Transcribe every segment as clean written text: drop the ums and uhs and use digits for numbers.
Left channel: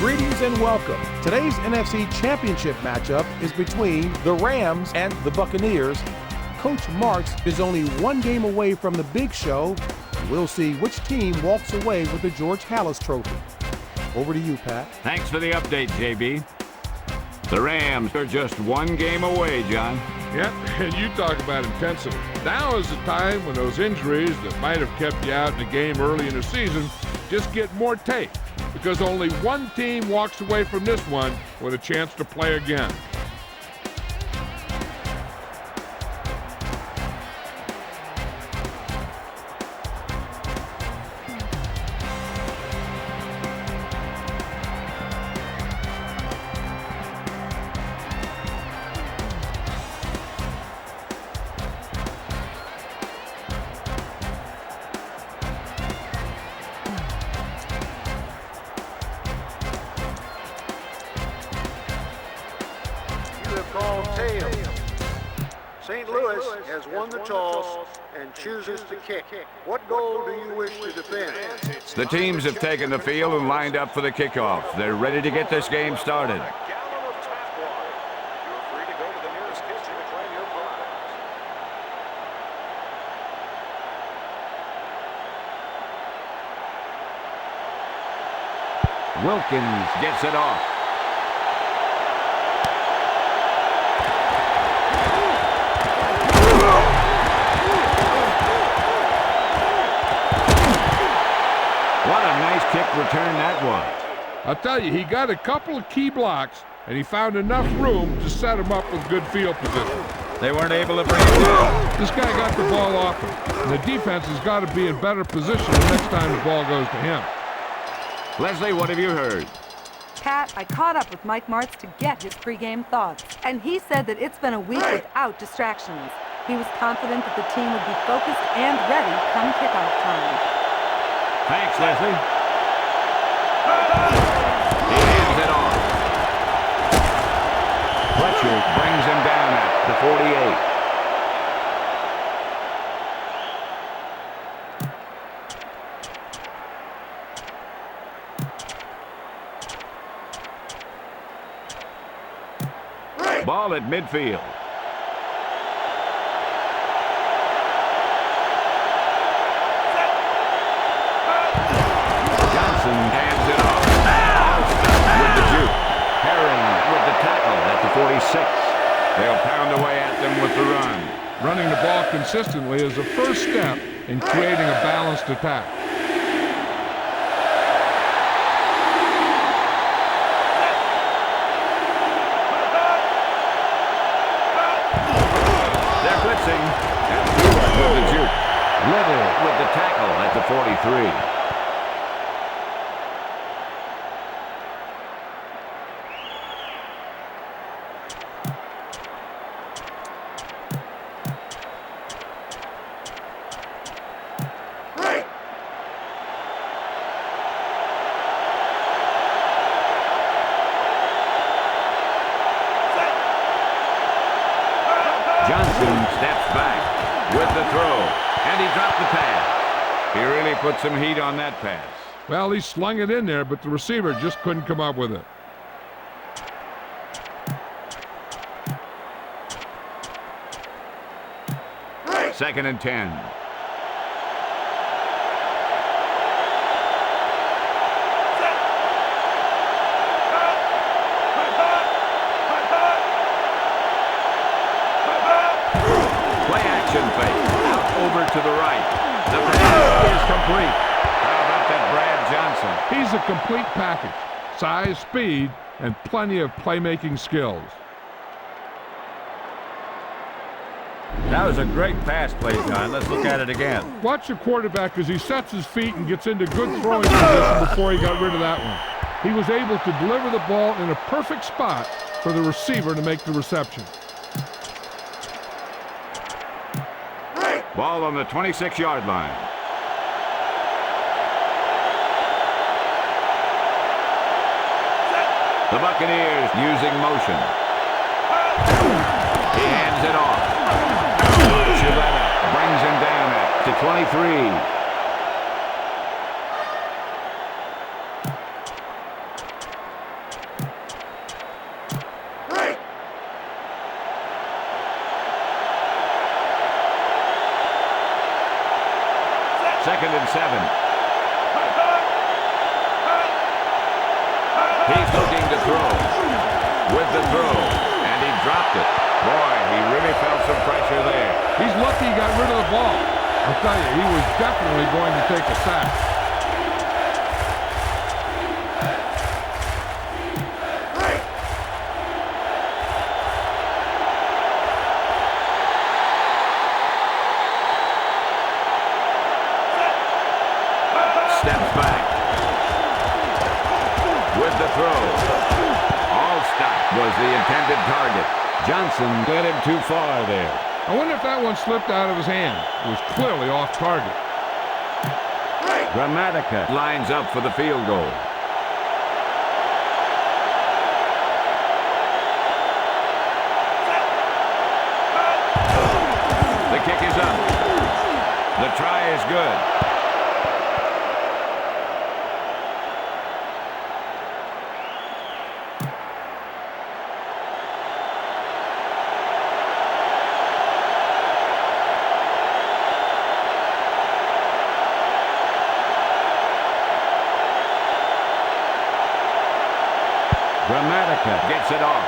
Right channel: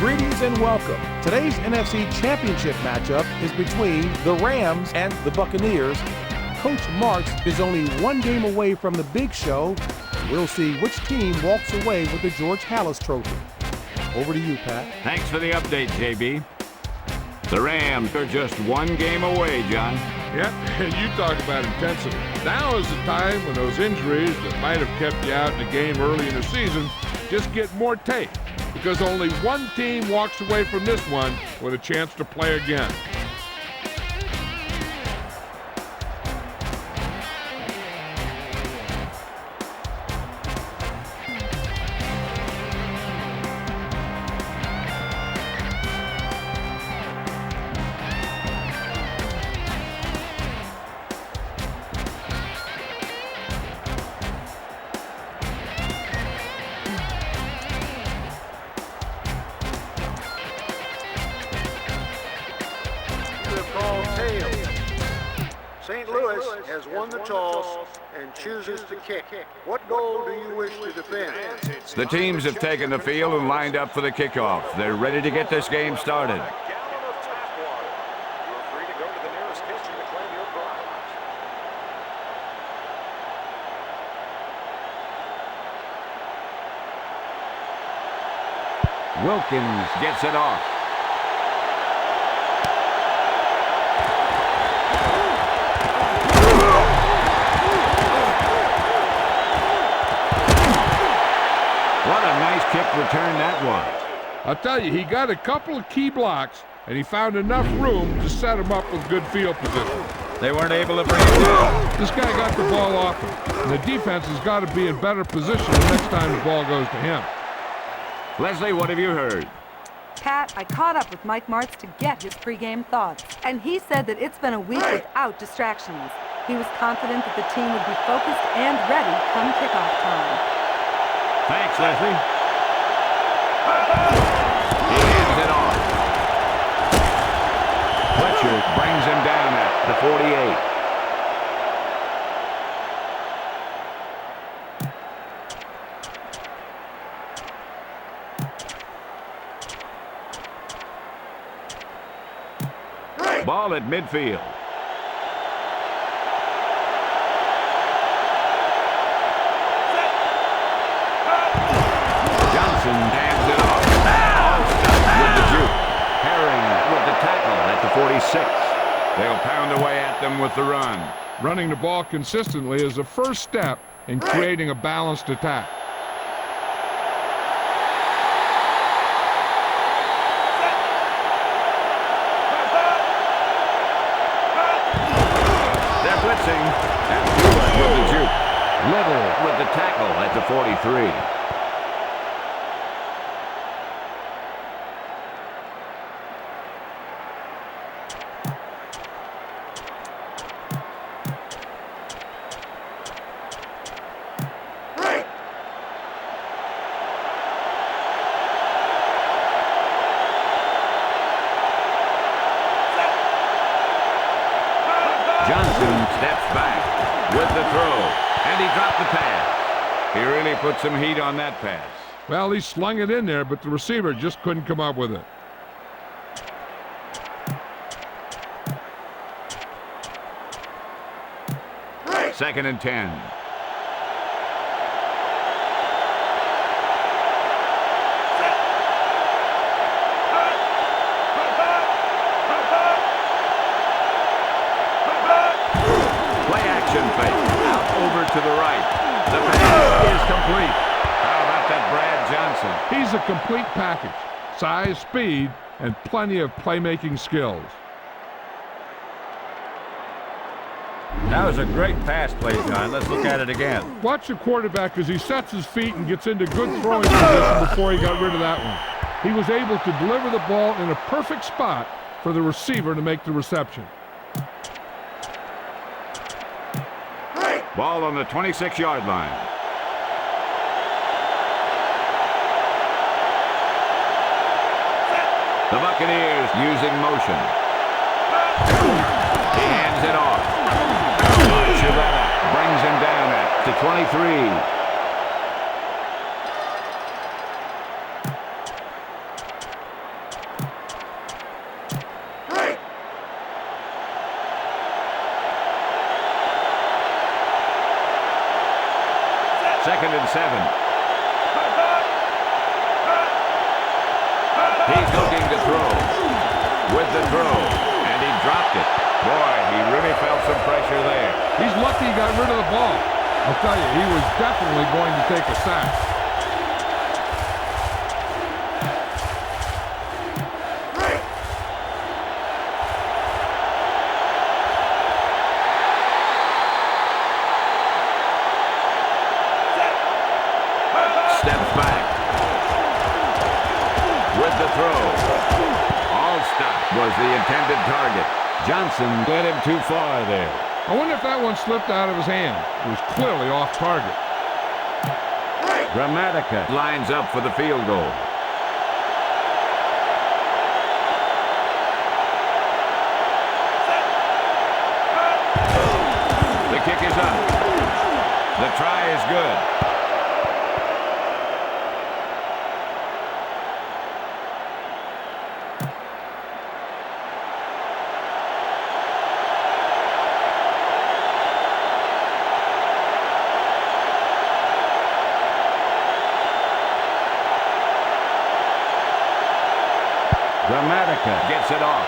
Greetings and welcome. Today's NFC Championship matchup is between the Rams and the Buccaneers. Coach Marks is only one game away from the big show. We'll see which team walks away with the George Halas Trophy. Over to you, Pat. Thanks for the update, JB. The Rams are just one game away, John. Yep, and you talk about intensity. Now is the time when those injuries that might have kept you out in the game early in the season just get more tape, because only one team walks away from this one with a chance to play again. St. Louis has won the toss and chooses to kick. What goal do you wish to defend? The teams have taken the field and lined up for the kickoff. They're ready to get this game started. You're free to go to the nearest kitchen to claim your prize. Wilkins gets it off. What a nice kick return that was. I'll tell you, he got a couple of key blocks, and he found enough room to set him up with good field position. They weren't able to bring it down. This guy got the ball off him, and the defense has got to be in better position the next time the ball goes to him. Leslie, what have you heard? Pat, I caught up with Mike Martz to get his pregame thoughts, and he said that it's been a week without distractions. He was confident that the team would be focused and ready come kickoff time. Thanks, Leslie. He hands it off. Fletcher brings him down at the 48. Ball at midfield. Johnson hands it off. Alston with the juke. Herring with the tackle at the 46. They'll pound away at them with the run. Running the ball consistently is the first step in creating a balanced attack. They're blitzing. And Stewart with the juke. Little with the tackle at the 43. Johnson steps back with the throw, and he dropped the pass. He really put some heat on that pass. Well, he slung it in there, but the receiver just couldn't come up with it. Second and 10. Play action fake. Out over to the right. The pass is complete. How about that Brad Johnson? He's a complete package. Size, speed, and plenty of playmaking skills. That was a great pass play, John. Let's look at it again. Watch the quarterback as he sets his feet and gets into good throwing position before he got rid of that one. He was able to deliver the ball in a perfect spot for the receiver to make the reception. Ball on the 26-yard line. The Buccaneers using motion. He hands it off. Chivetta brings him down at the 23. 2nd and 7. He's looking to throw. With the throw. And he dropped it. Boy, he really felt some pressure there. He's lucky he got rid of the ball. I'll tell you, he was definitely going to take a sack. Steps back. With the throw. Allstott was the intended target. Johnson led him too far there. I wonder if that one slipped out of his hand. It was clearly off target. Gramatica lines up for the field goal. The kick is up. The try is good. Gramatica gets it off.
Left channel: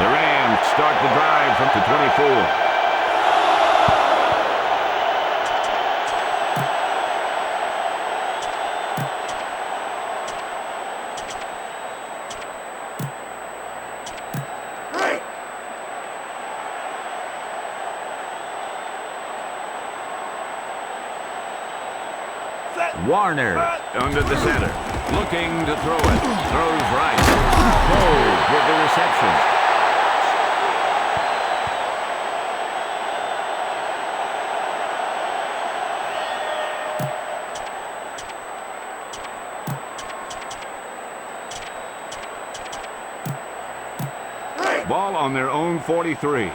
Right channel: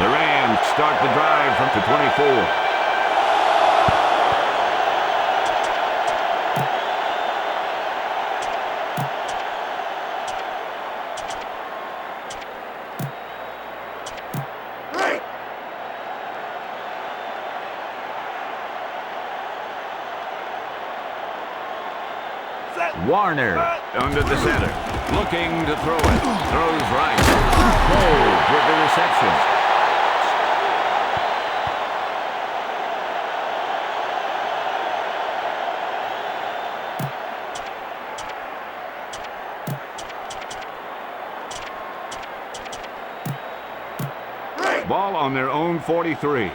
The Rams start the drive from the 24. Warner under the center, looking to throw it. Throws right. Cole with the reception. Ball on their own 43.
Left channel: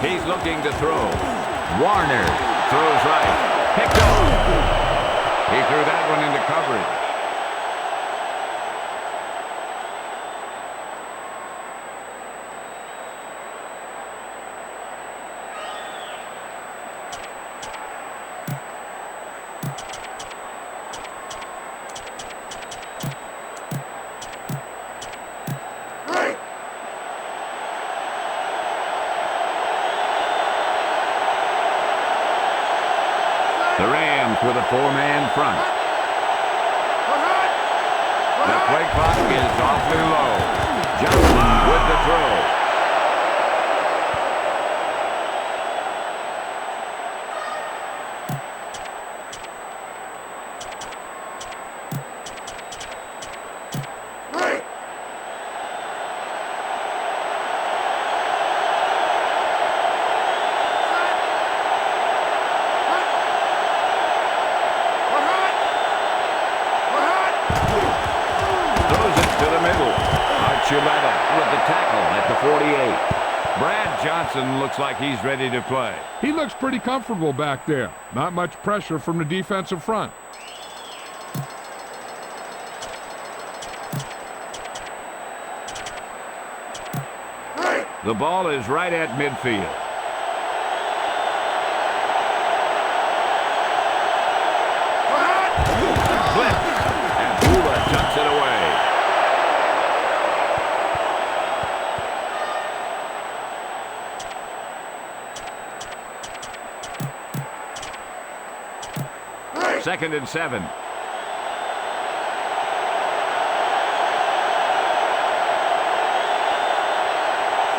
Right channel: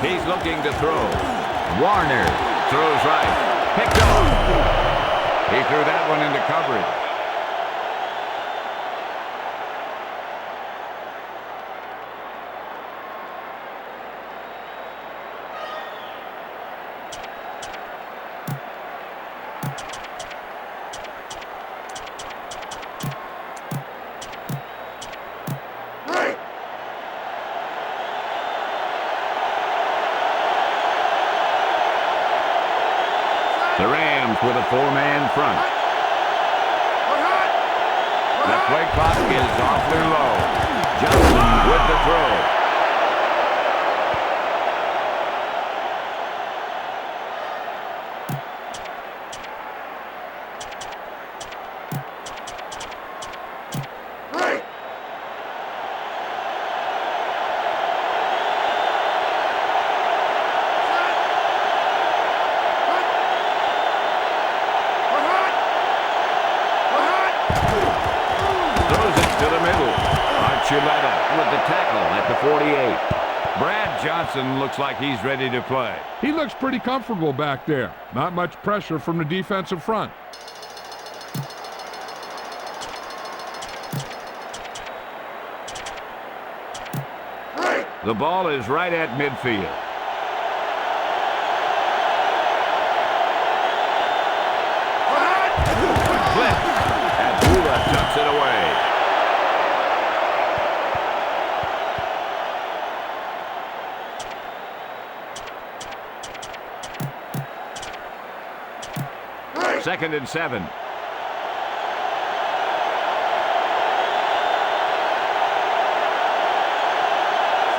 He's looking to throw. Warner throws right. Picked off. He threw that one into coverage. The Rams with a four-man front. The play clock is awfully low. Johnson with the throw. With the tackle at the 48. Brad Johnson looks like he's ready to play. He looks pretty comfortable back there. Not much pressure from the defensive front. The ball is right at midfield. Blitz. And Bula tucks it away. Second and 7.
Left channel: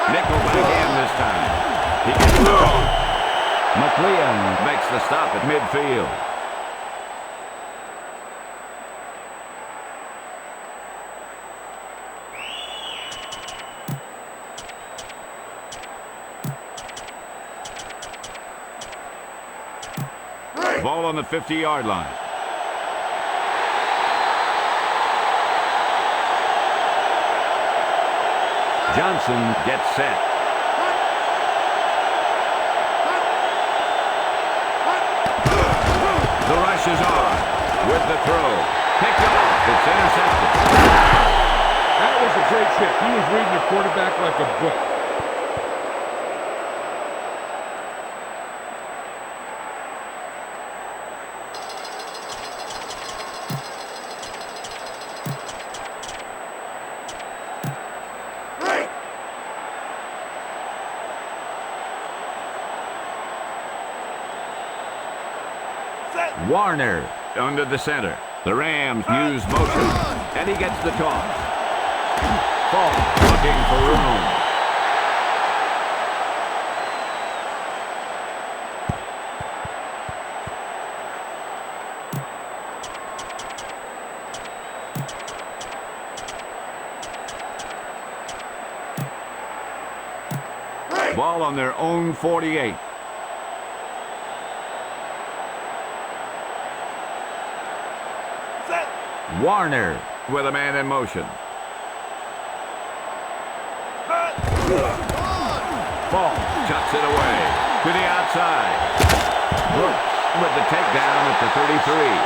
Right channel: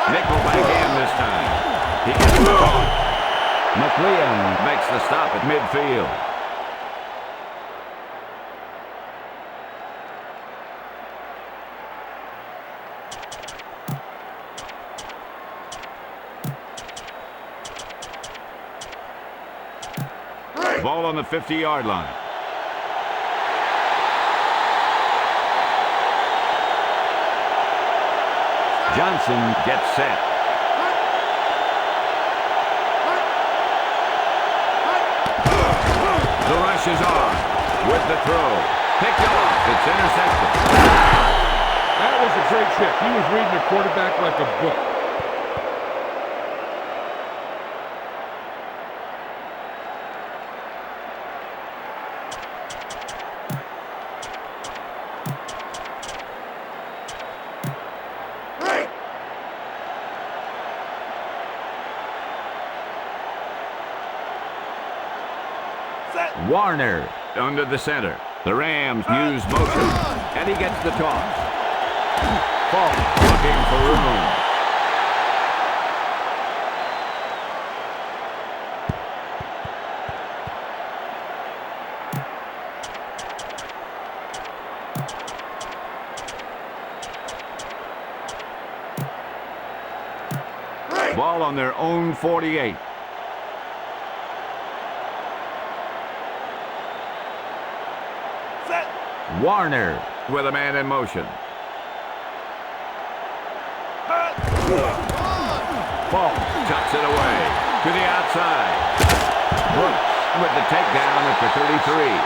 Nickel back in this time. He gets the off. McLean makes the stop at midfield. Ball on the 50-yard line. Johnson gets set. The rush is on with the throw. Picked off. It's intercepted. That was a great pick. He was reading the quarterback like a book. Warner under the center. The Rams use motion, and he gets the toss. Falk looking for room. Ball on their own 48. Warner with a man in motion. Falk chucks it away to the outside. Brooks with the takedown at the 33.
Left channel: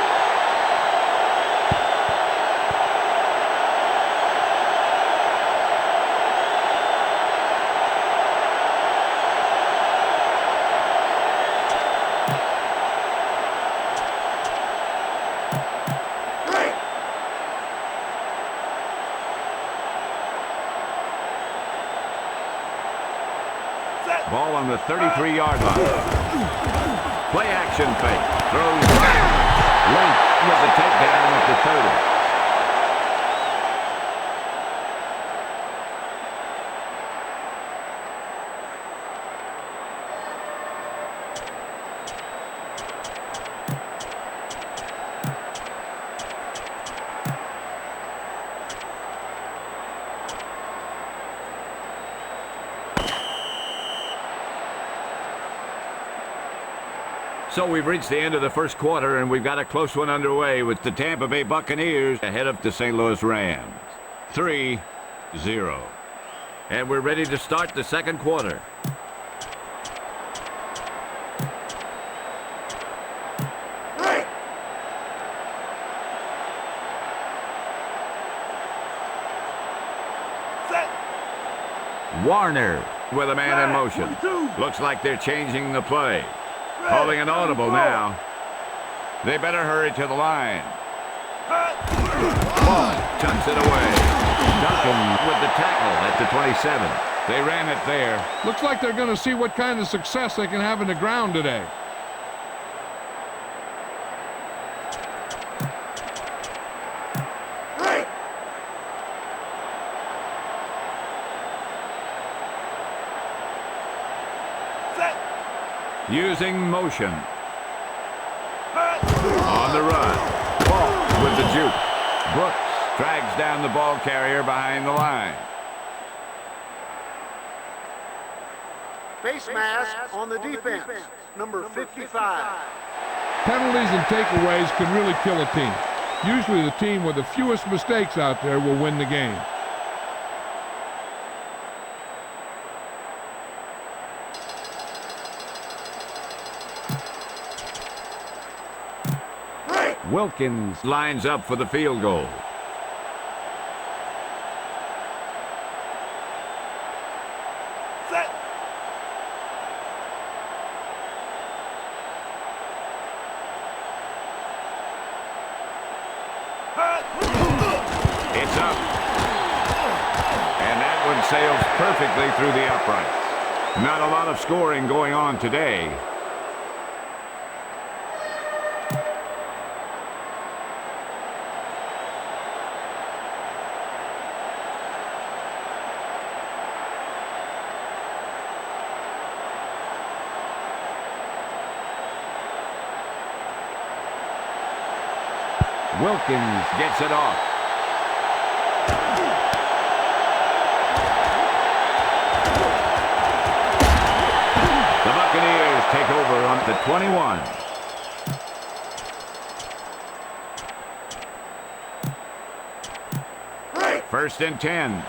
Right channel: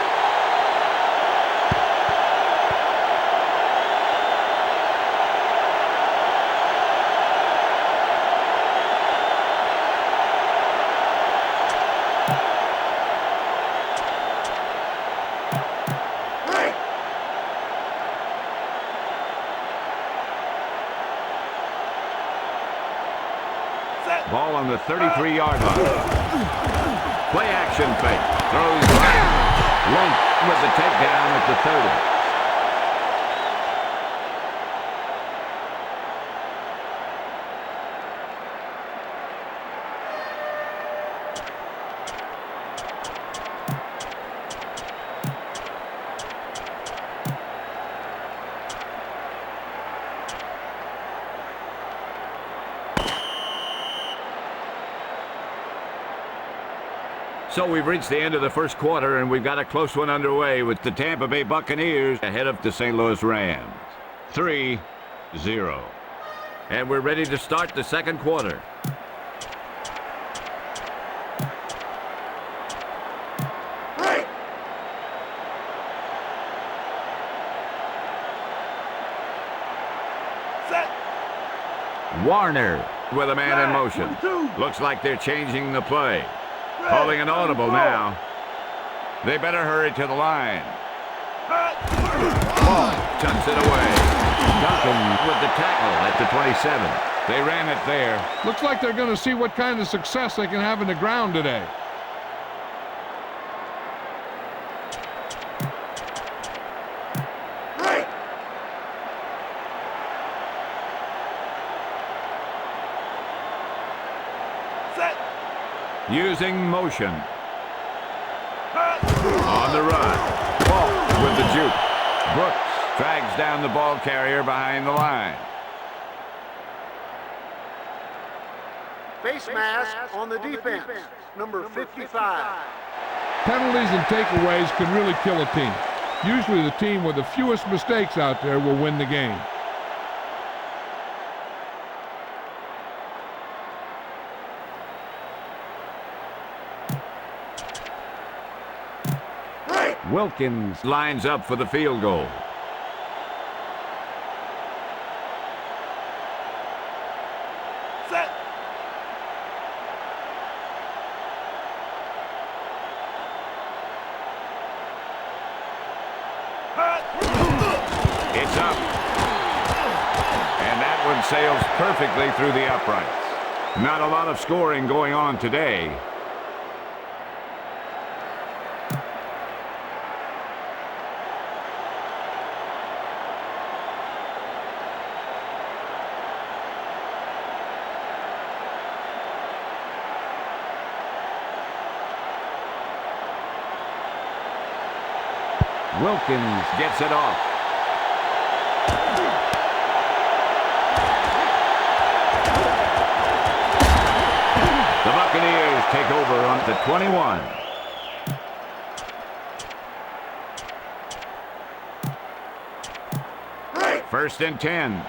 Ball on the 33-yard line. Play action fake. Throws right. Link with the takedown at the 30. So we've reached the end of the first quarter, and we've got a close one underway with the Tampa Bay Buccaneers ahead of the St. Louis Rams. 3-0. And we're ready to start the second quarter. Warner with a man in motion. Looks like they're changing the play. Calling an audible now. They better hurry to the line. Ball tucks it away. Duncan with the tackle at the 27. They ran it there. Looks like they're going to see what kind of success they can have in the ground today. Using motion. On the run. Ball with the juke. Brooks drags down the ball carrier behind the line. Face mask on the defense, number 55. Penalties and takeaways can really kill a team. Usually the team with the fewest mistakes out there will win the game. Wilkins lines up for the field goal. Set. It's up. And that one sails perfectly through the uprights. Not a lot of scoring going on today. Wilkins gets it off. The Buccaneers take over on the 21. First and 10.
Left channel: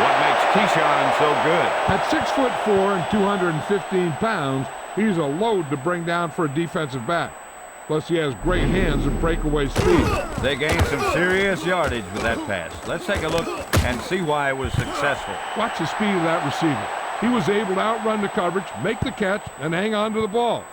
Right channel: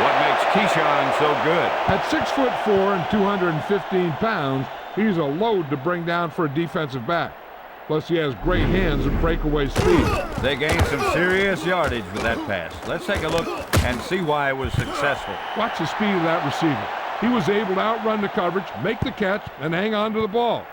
What makes Keyshawn so good? At 6'4" and 215 pounds, he's a load to bring down for a defensive back. Plus, he has great hands and breakaway speed. They gained some serious yardage with that pass. Let's take a look and see why it was successful. Watch the speed of that receiver. He was able to outrun the coverage, make the catch, and hang on to the ball.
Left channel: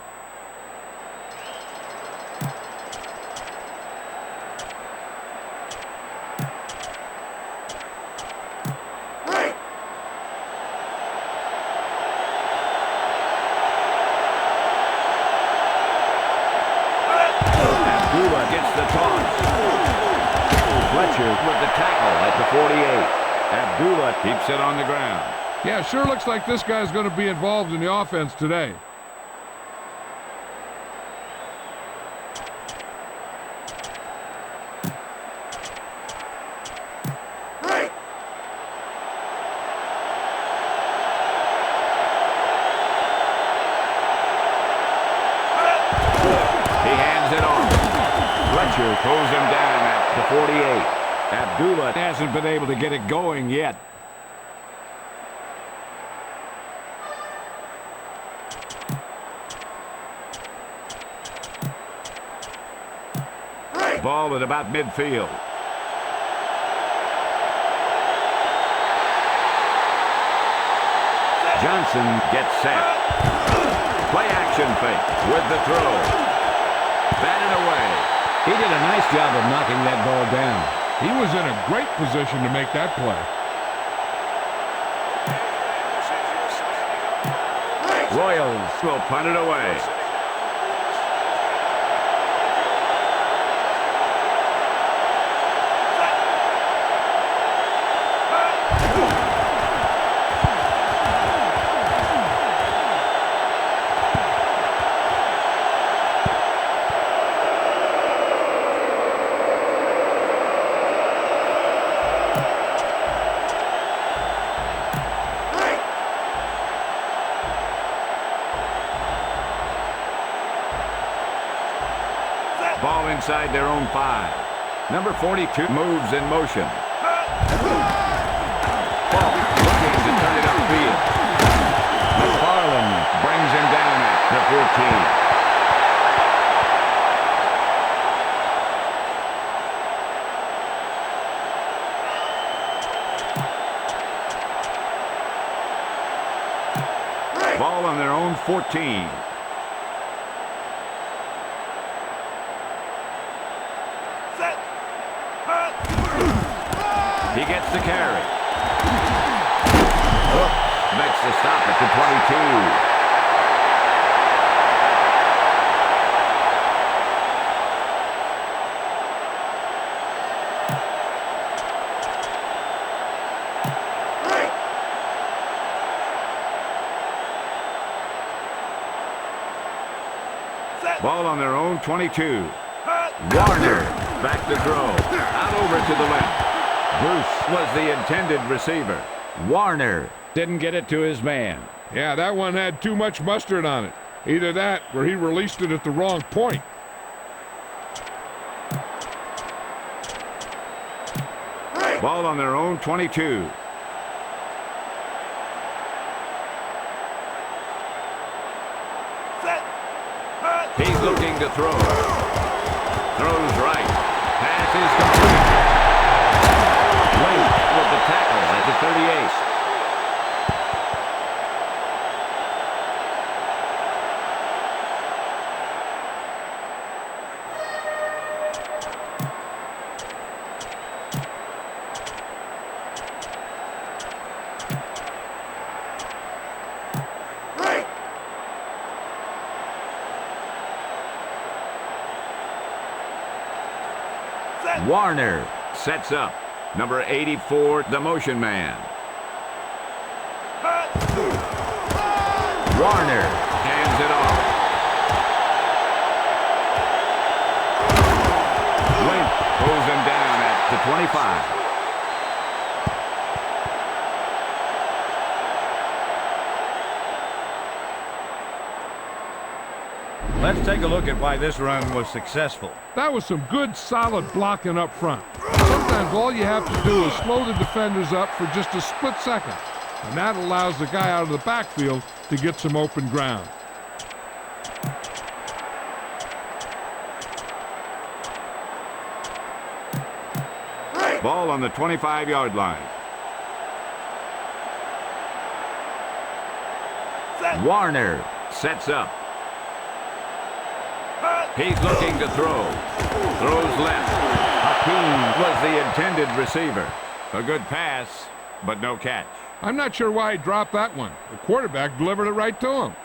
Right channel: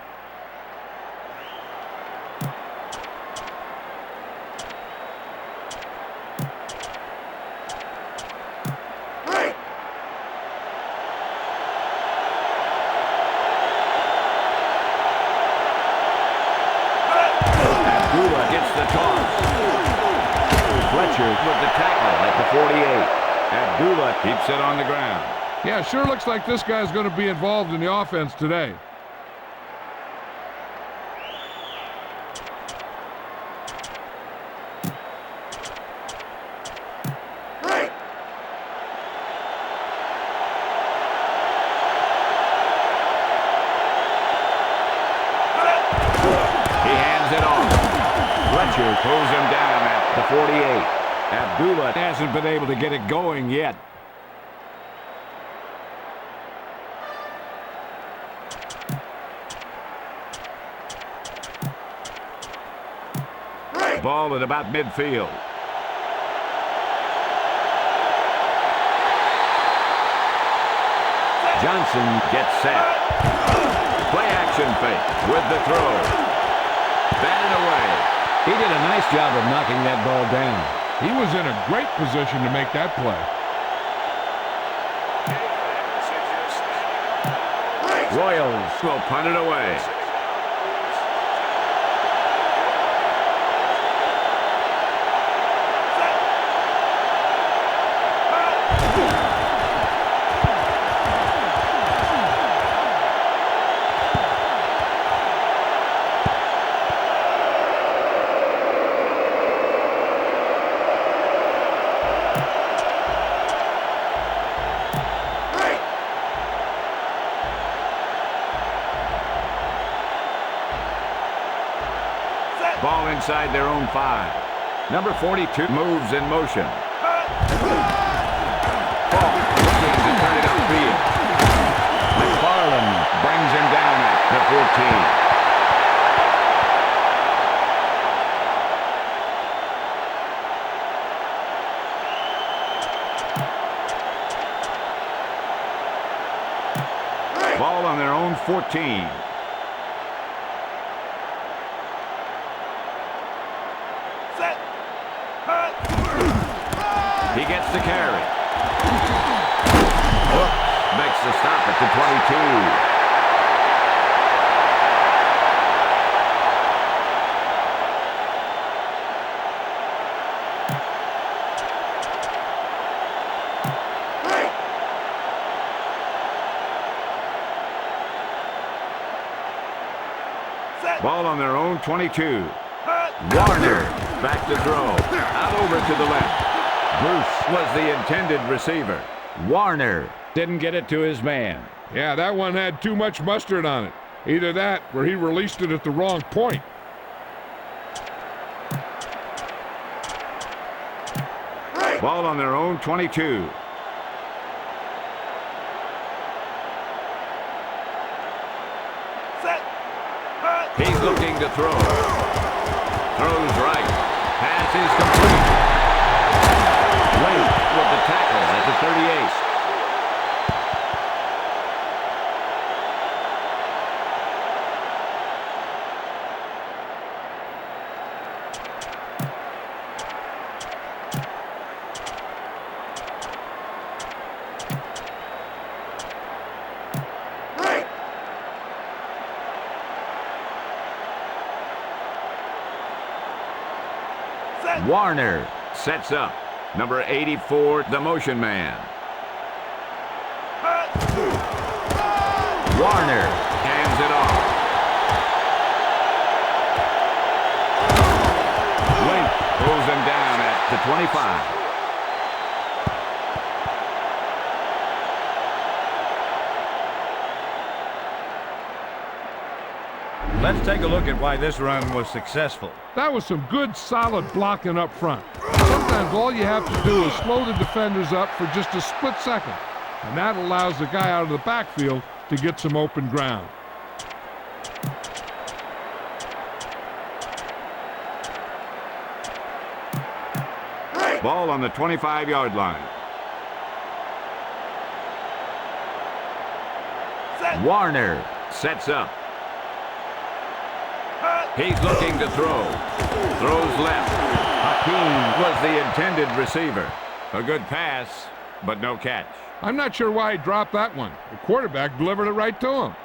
Gets the toss. Fletcher with the tackle at the 48. Abdullah keeps it on the ground. Yeah, sure looks like this guy's going to be involved in the offense today. He hands it off. Fletcher pulls him down at the 48. Abdullah hasn't been able to get it going yet. Ball at about midfield. Johnson gets set. Play action fake with the throw. Batted away. He did a nice job of knocking that ball down. He was in a great position to make that play. Royals will punt it away. Ball inside their own 5. Number 42 moves in motion. Ball looking to turn it upfield. McFarland brings him down at the 14. Ball on their own 14. He gets the carry. Makes the stop at the 22. Ball on their own 22. Warner back to throw. Out over to the left. Bruce was the intended receiver. Warner didn't get it to his man. Yeah, that one had too much mustard on it. Either that or he released it at the wrong point. Ball on their own 22. He's looking to throw. Throws right. Pass is complete. Late with the tackle at the 38. Warner sets up. Number 84, the motion man. Warner hands it off. Link pulls him down at the 25. Let's take a look at why this run was successful. That was some good, solid blocking up front. Sometimes Sometimes all you have to do is slow the defenders up for just a split second, and that allows the guy out of the backfield to get some open ground. Ball on the 25-yard line. Warner sets up. He's looking to throw. Throws left. Hakeem was the intended receiver. A good pass, but no catch. I'm not sure why he dropped that one. The quarterback delivered it right to him.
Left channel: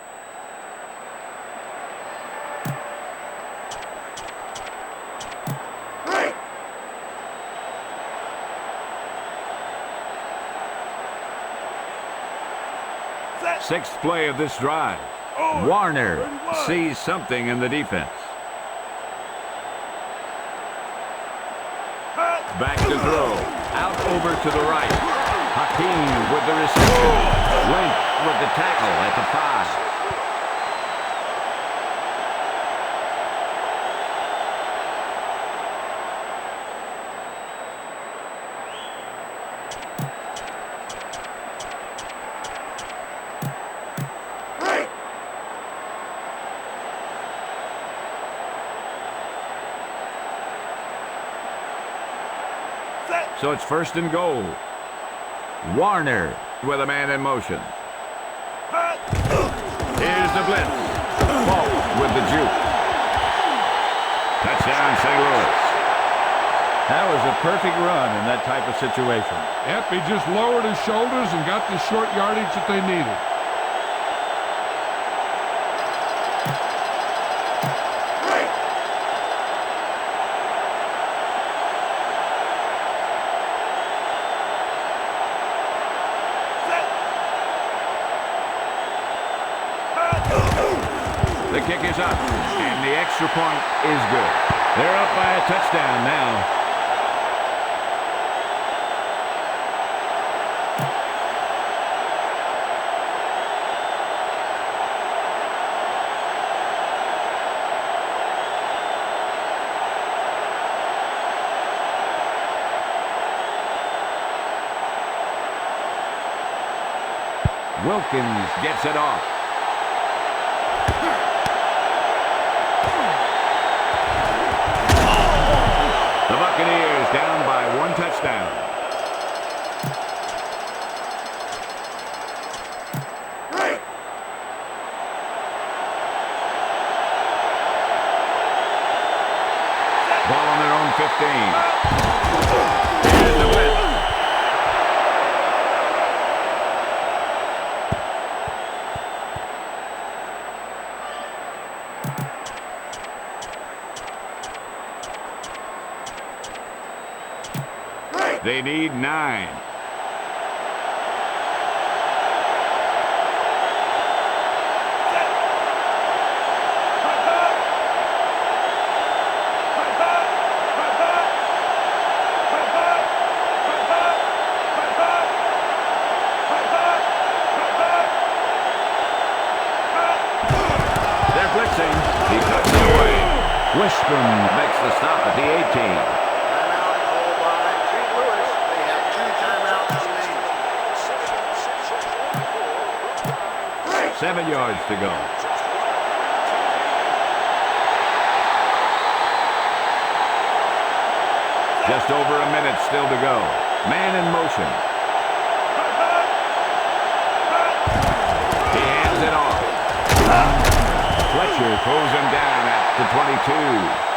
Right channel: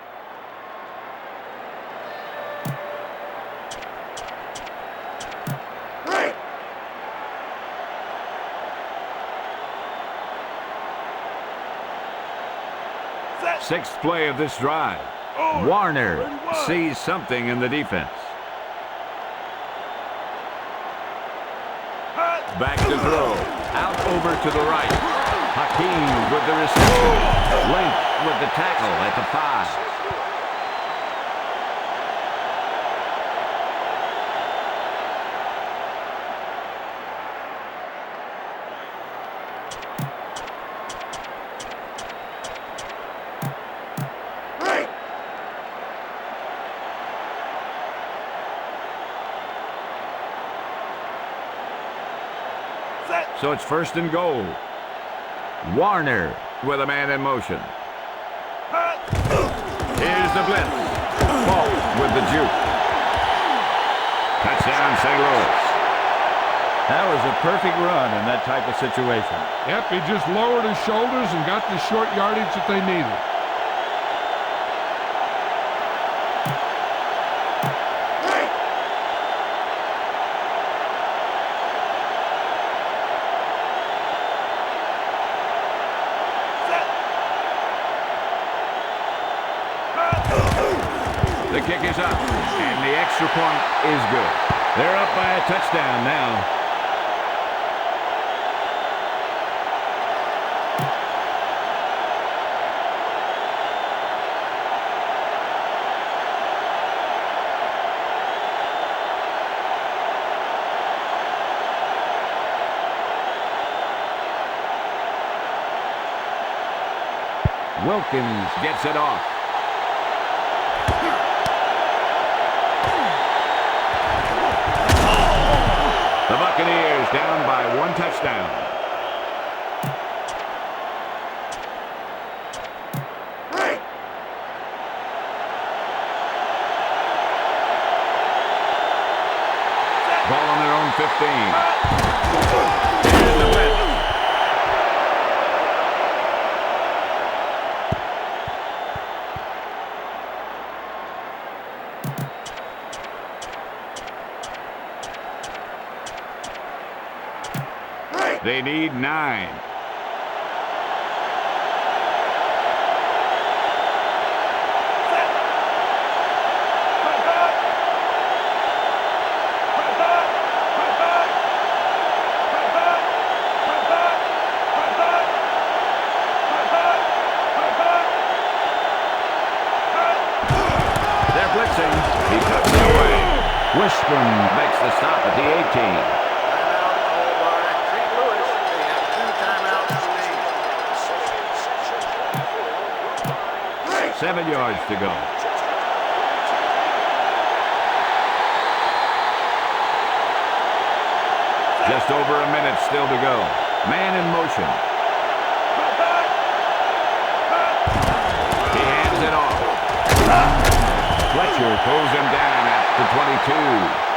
Sixth play of this drive. Warner sees something in the defense. Back to throw. Out over to the right. Hakeem with the reception. Lynch with the tackle at the 5. So it's first and goal. Warner with a man in motion. Here's the blitz. Falk with the juke. Touchdown, St. Louis. That was a perfect run in that type of situation. Yep, he just lowered his shoulders and got the short yardage that they needed. The kick is up, and the extra point is good. They're up by a touchdown now. Wilkins gets it off. The Buccaneers down by 1 touchdown. Ball on their own 15. Here's the blitz. They need 9. They're blitzing. He puts it away. Wishburn makes the stop at the 18. Timeout called by St. Louis. They have 2 timeouts remaining. 7 yards to go. Just over a minute still to go. Man in motion. He hands it off. Fletcher pulls him down at the 22.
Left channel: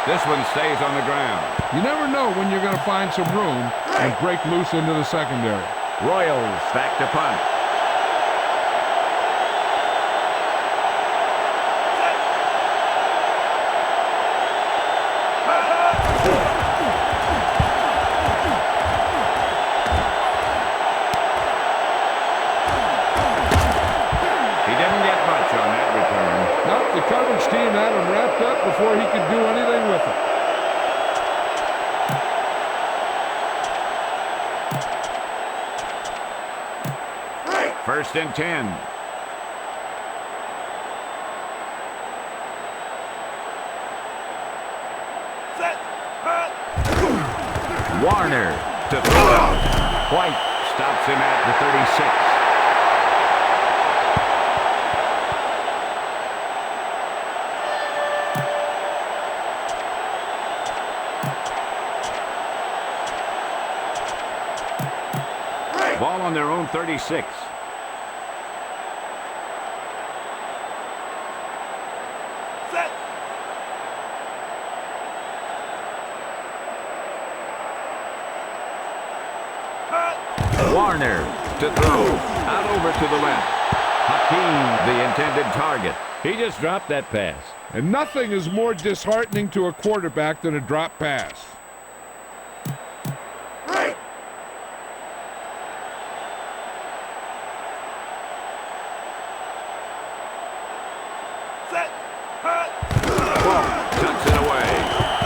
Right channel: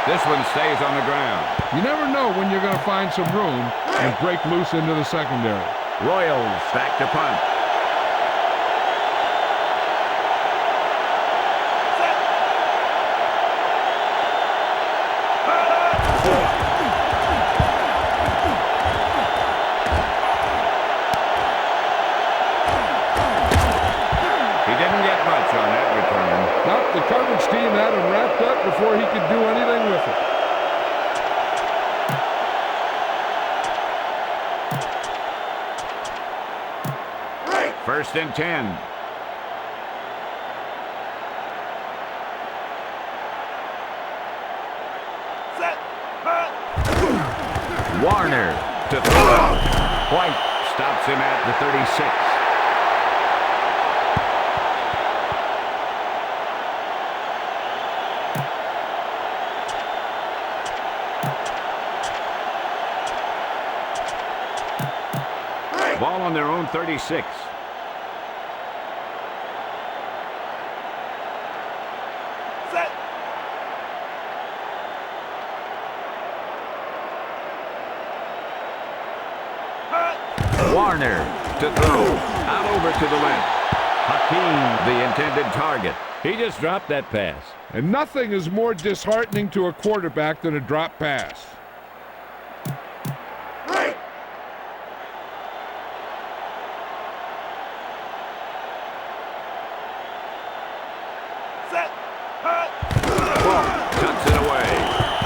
This one stays on the ground. You never know when you're going to find some room and break loose into the secondary. Royals back to punt. He didn't get much on that return. Nope, the coverage team had him wrapped up before he could do anything with it. First and 10. Warner to throw it. White stops him at the 36. Ball on their own 36. Set. Warner to throw. Out over to the left. Hakeem, the intended target. He just dropped that pass. And nothing is more disheartening to a quarterback than a drop pass. Set. Cuts it away.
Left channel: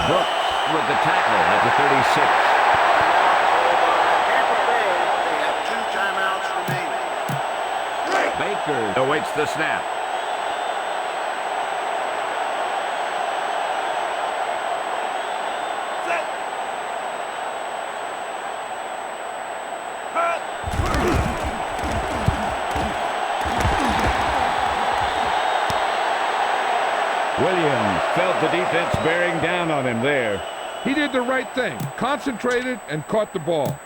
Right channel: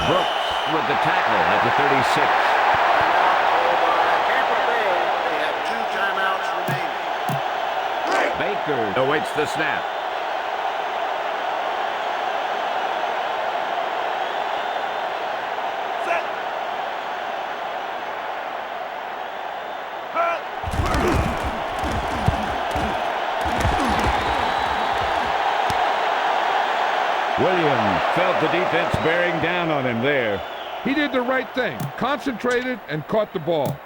Brooks with the tackle at the 36. Tampa Bay, they have 2 timeouts remaining. Baker awaits the snap. Set. Williams felt the defense bearing down on him there. He did the right thing. Concentrated and caught the ball.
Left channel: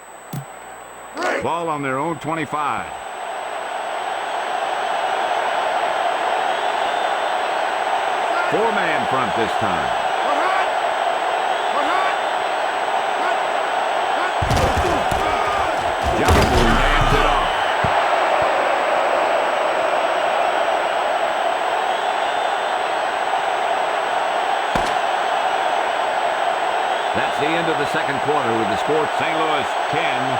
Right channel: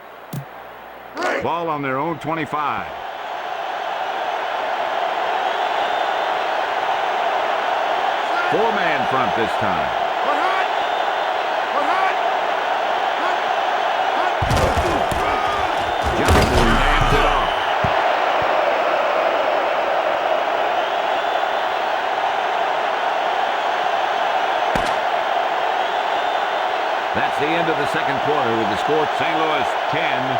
Ball on their own 25. Four-man front this time. Johnson hands it off. That's the end of the second quarter with the score St. Louis 10,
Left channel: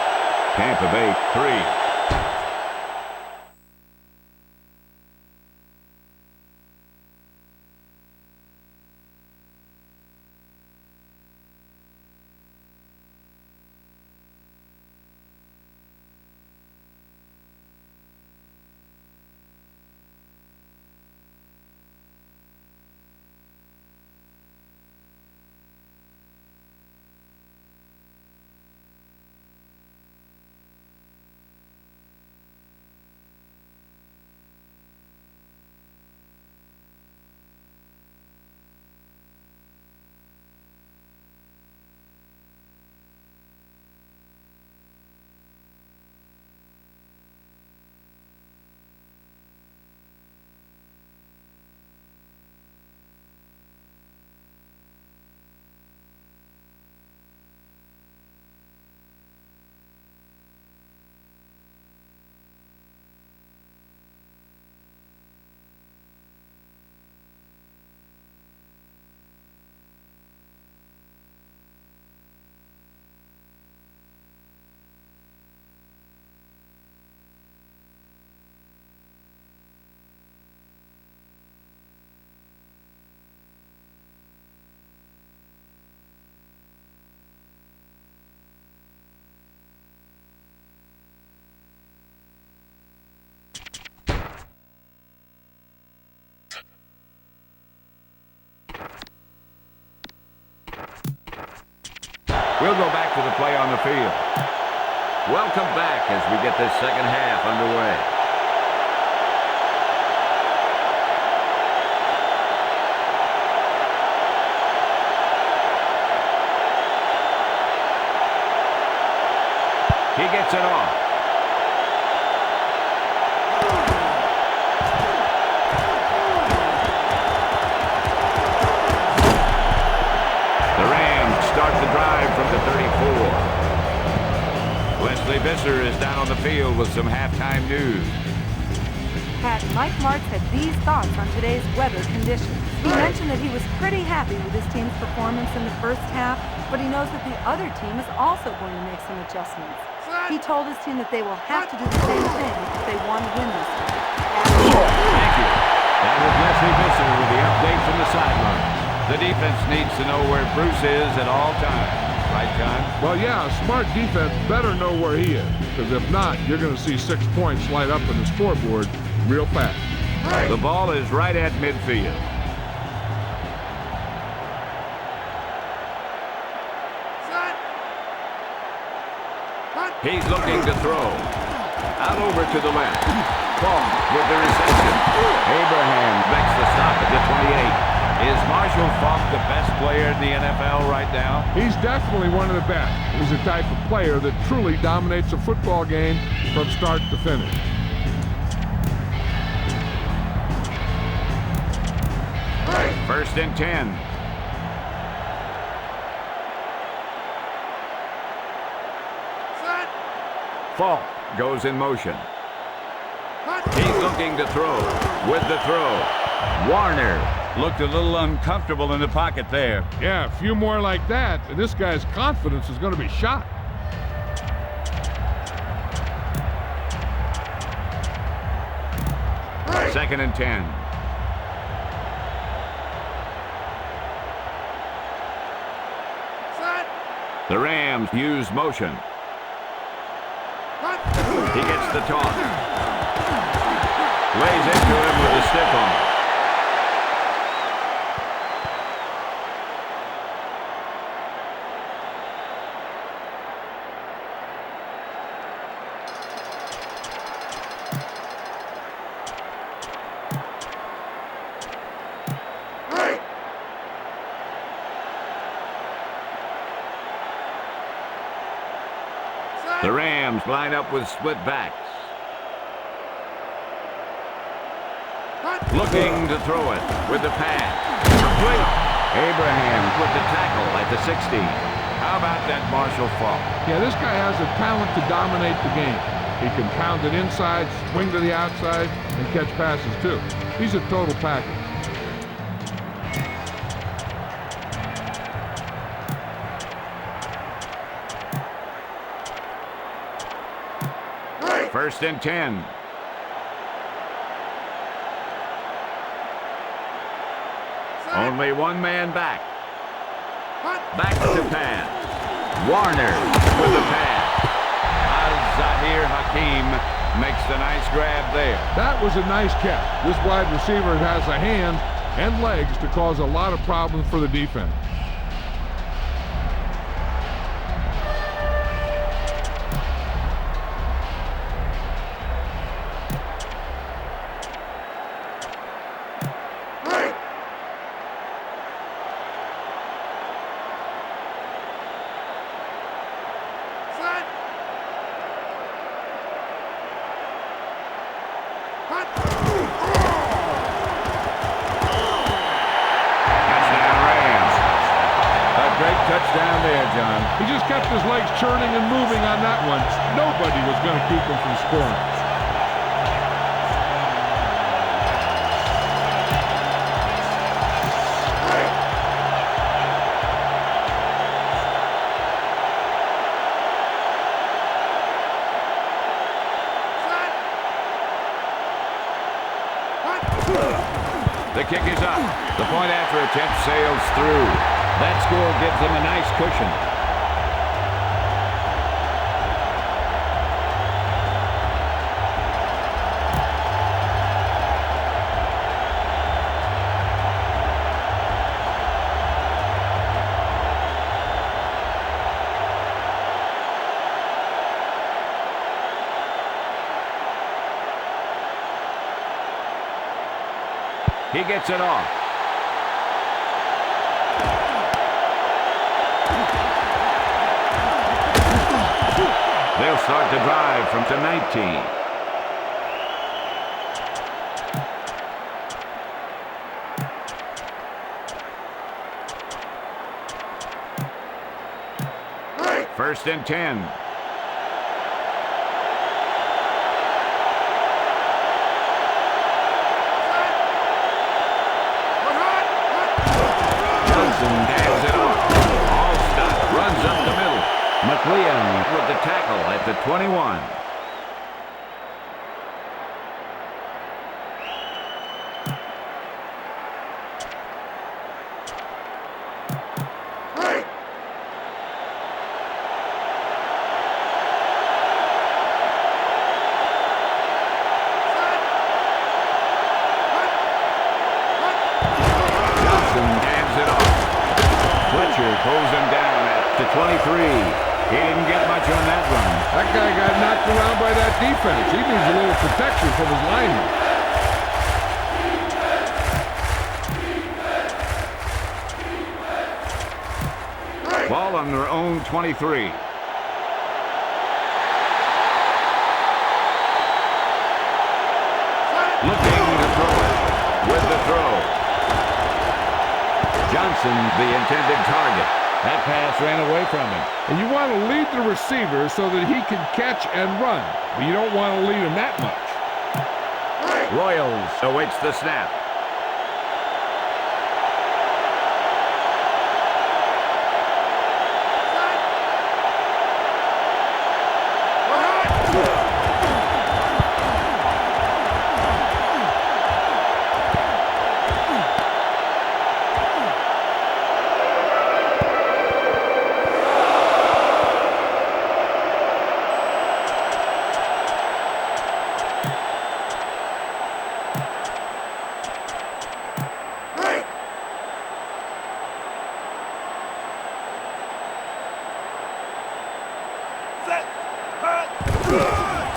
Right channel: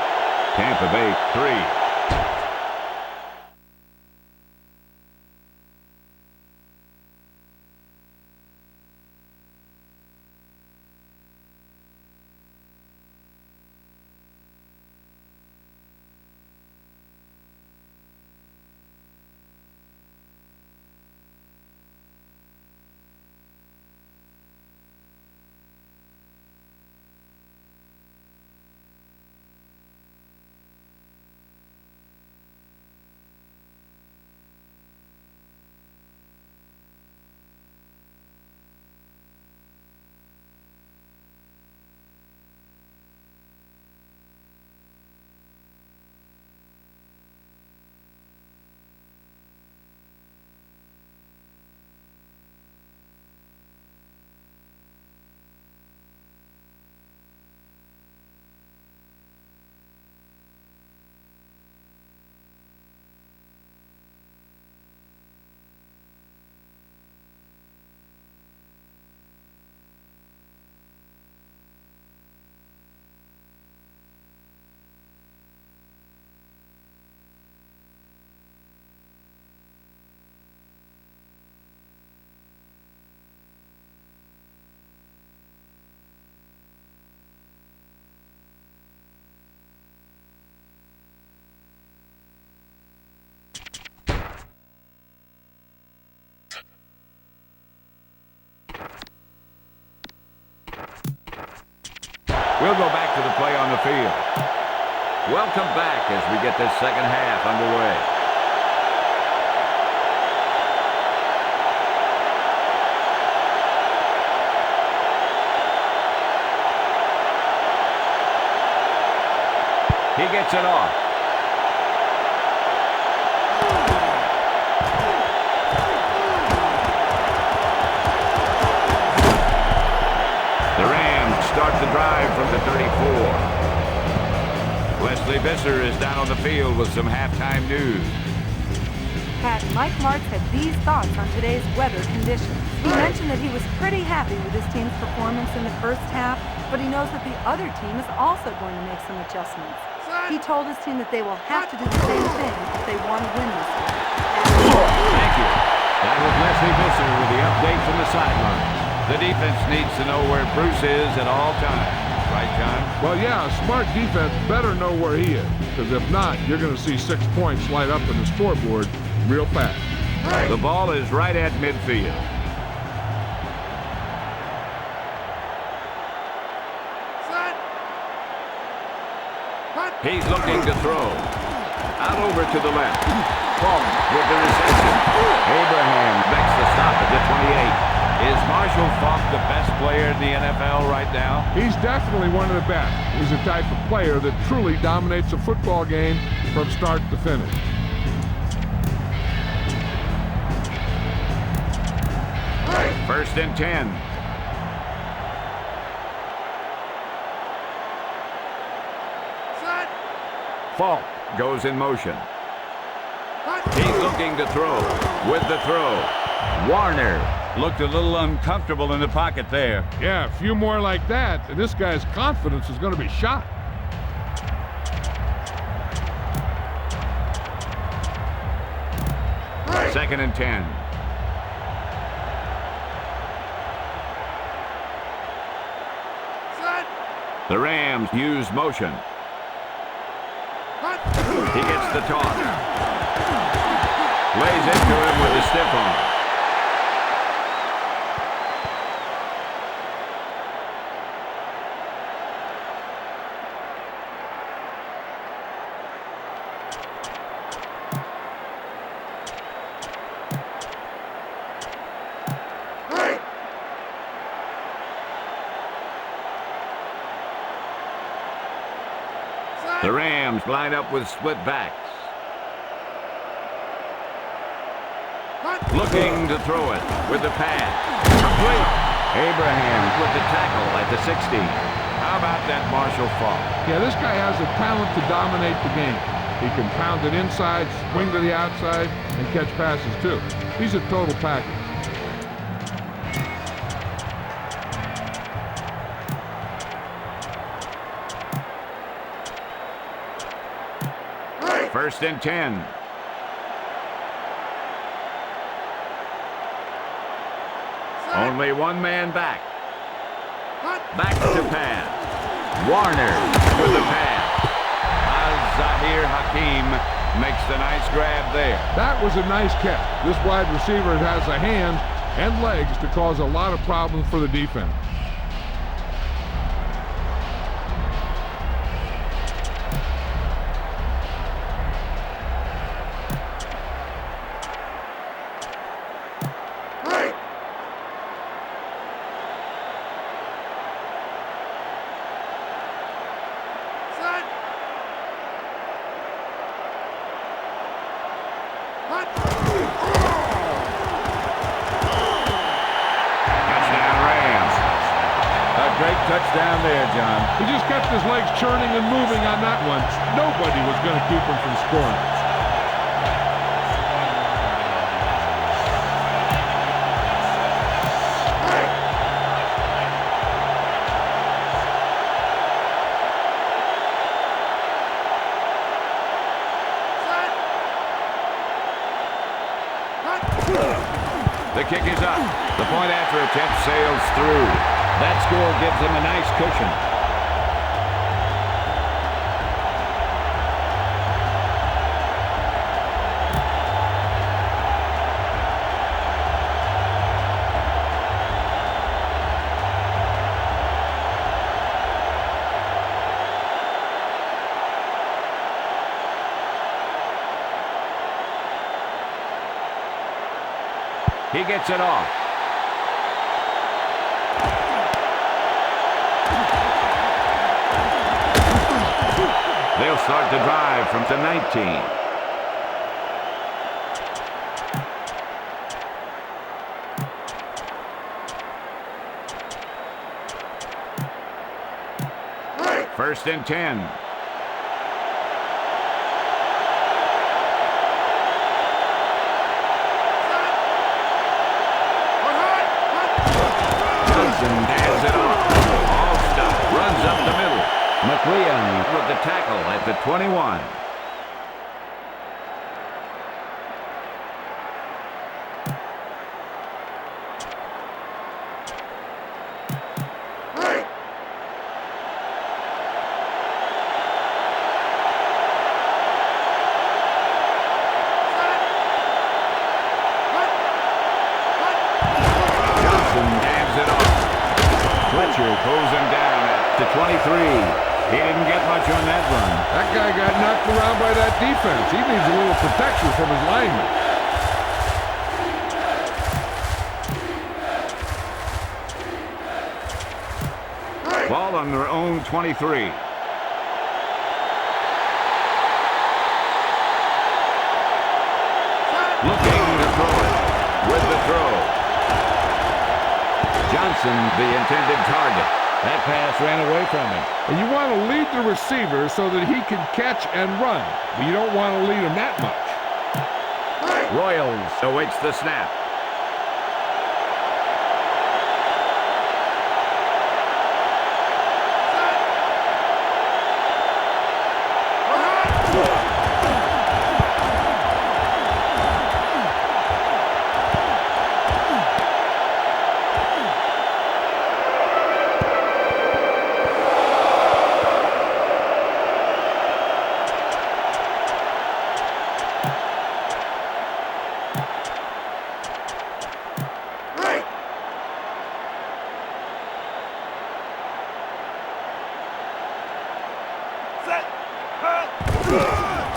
Tampa Bay 3. We'll go back to the play on the field. Welcome back as we get this second half underway. He gets it off. The Rams start the drive from the 34. Leslie Visser is down on the field with some halftime news. Pat, Mike Martz had these thoughts on today's weather conditions. He mentioned that he was pretty happy with his team's performance in the first half, but he knows that the other team is also going to make some adjustments. He told his team that they will have to do the same thing if they want to win this game. Thank you. That was Leslie Visser with the update from the sideline. The defense needs to know where Bruce is at all times. Right, John? Well, yeah, a smart defense better know where he is, because if not, you're going to see 6 points light up on the scoreboard real fast. The ball is right at midfield. He's looking to throw. Out over to the left. Falk with the reception. Abraham makes the stop at the 28. Is Marshall Faulk the best player in the NFL right now? He's definitely one of the best. He's the type of player that truly dominates a football game from start to finish. First and 10. Falk goes in motion. He's looking to throw. With the throw, Warner looked a little uncomfortable in the pocket there. Yeah, a few more like that, and this guy's confidence is going to be shot. Second and 10. The Rams use motion. He gets the toss. Lays into him with a stiff arm. The Rams line up with split backs. Looking to throw it with the pass. Complete. Abraham with the tackle at the 60. How about that Marshall Faulk? Yeah, this guy has the talent to dominate the game. He can pound it inside, swing to the outside, and catch passes too. He's a total package. First and 10. Only one man back. Back to pass. Warner with the pass. Zahir Hakim makes the nice grab there. That was a nice catch. This wide receiver has the hands and legs to cause a lot of problems for the defense. Touchdown there, John. He just kept his legs churning and moving on that one. Nobody was going to keep him from scoring. The kick is up. The point after attempt sails through. That score gives them a nice cushion. He gets it off. They'll start the drive from the 19. First and 10. Johnson hands it off. Allstott runs up the middle. McLeon with the tackle at the 21. Johnson hands it off. Fletcher pulls him down at the 23. He didn't get much on that run. That guy got knocked around by that defense. He needs a little protection from his linemen. Ball on their own 23. Looking to throw it with the throw. Johnson, the intended target. That pass ran away from him. And you want to lead the receiver so that he can catch and run, but you don't want to lead him that much. Royals awaits the snap.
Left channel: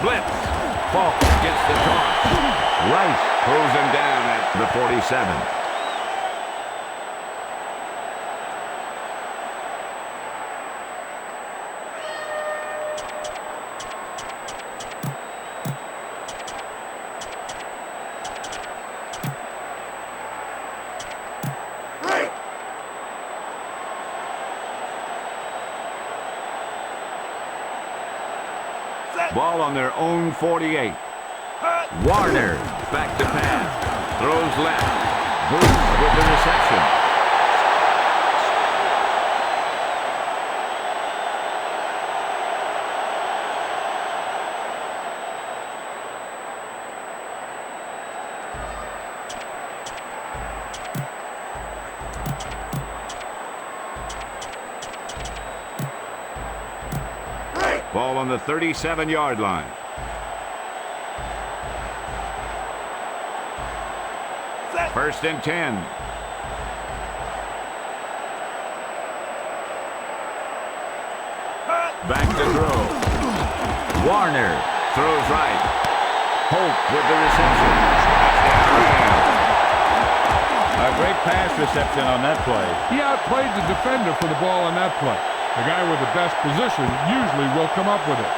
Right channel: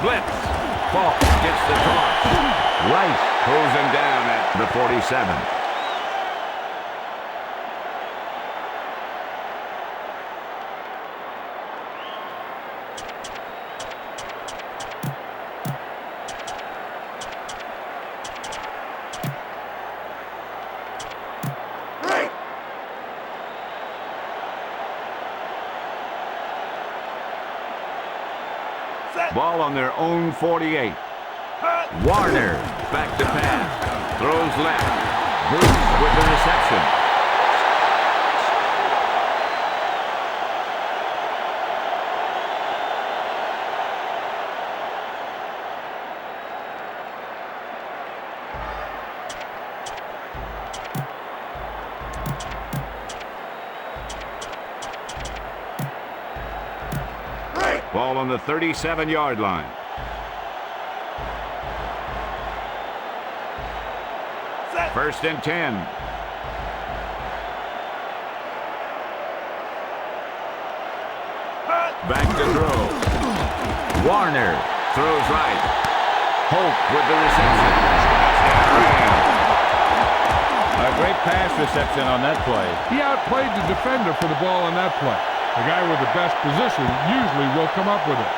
Blitz. Falk gets the toss. Rice pulls him down at the 47. Ball on their own 48. Warner back to pass. Throws left. Bruce with the reception. Ball on the 37-yard line. First and 10. Back to throw. Warner throws right. Holt with the reception. A great pass reception on that play. He outplayed the defender for the ball on that play. The guy with the best position usually will come up with it.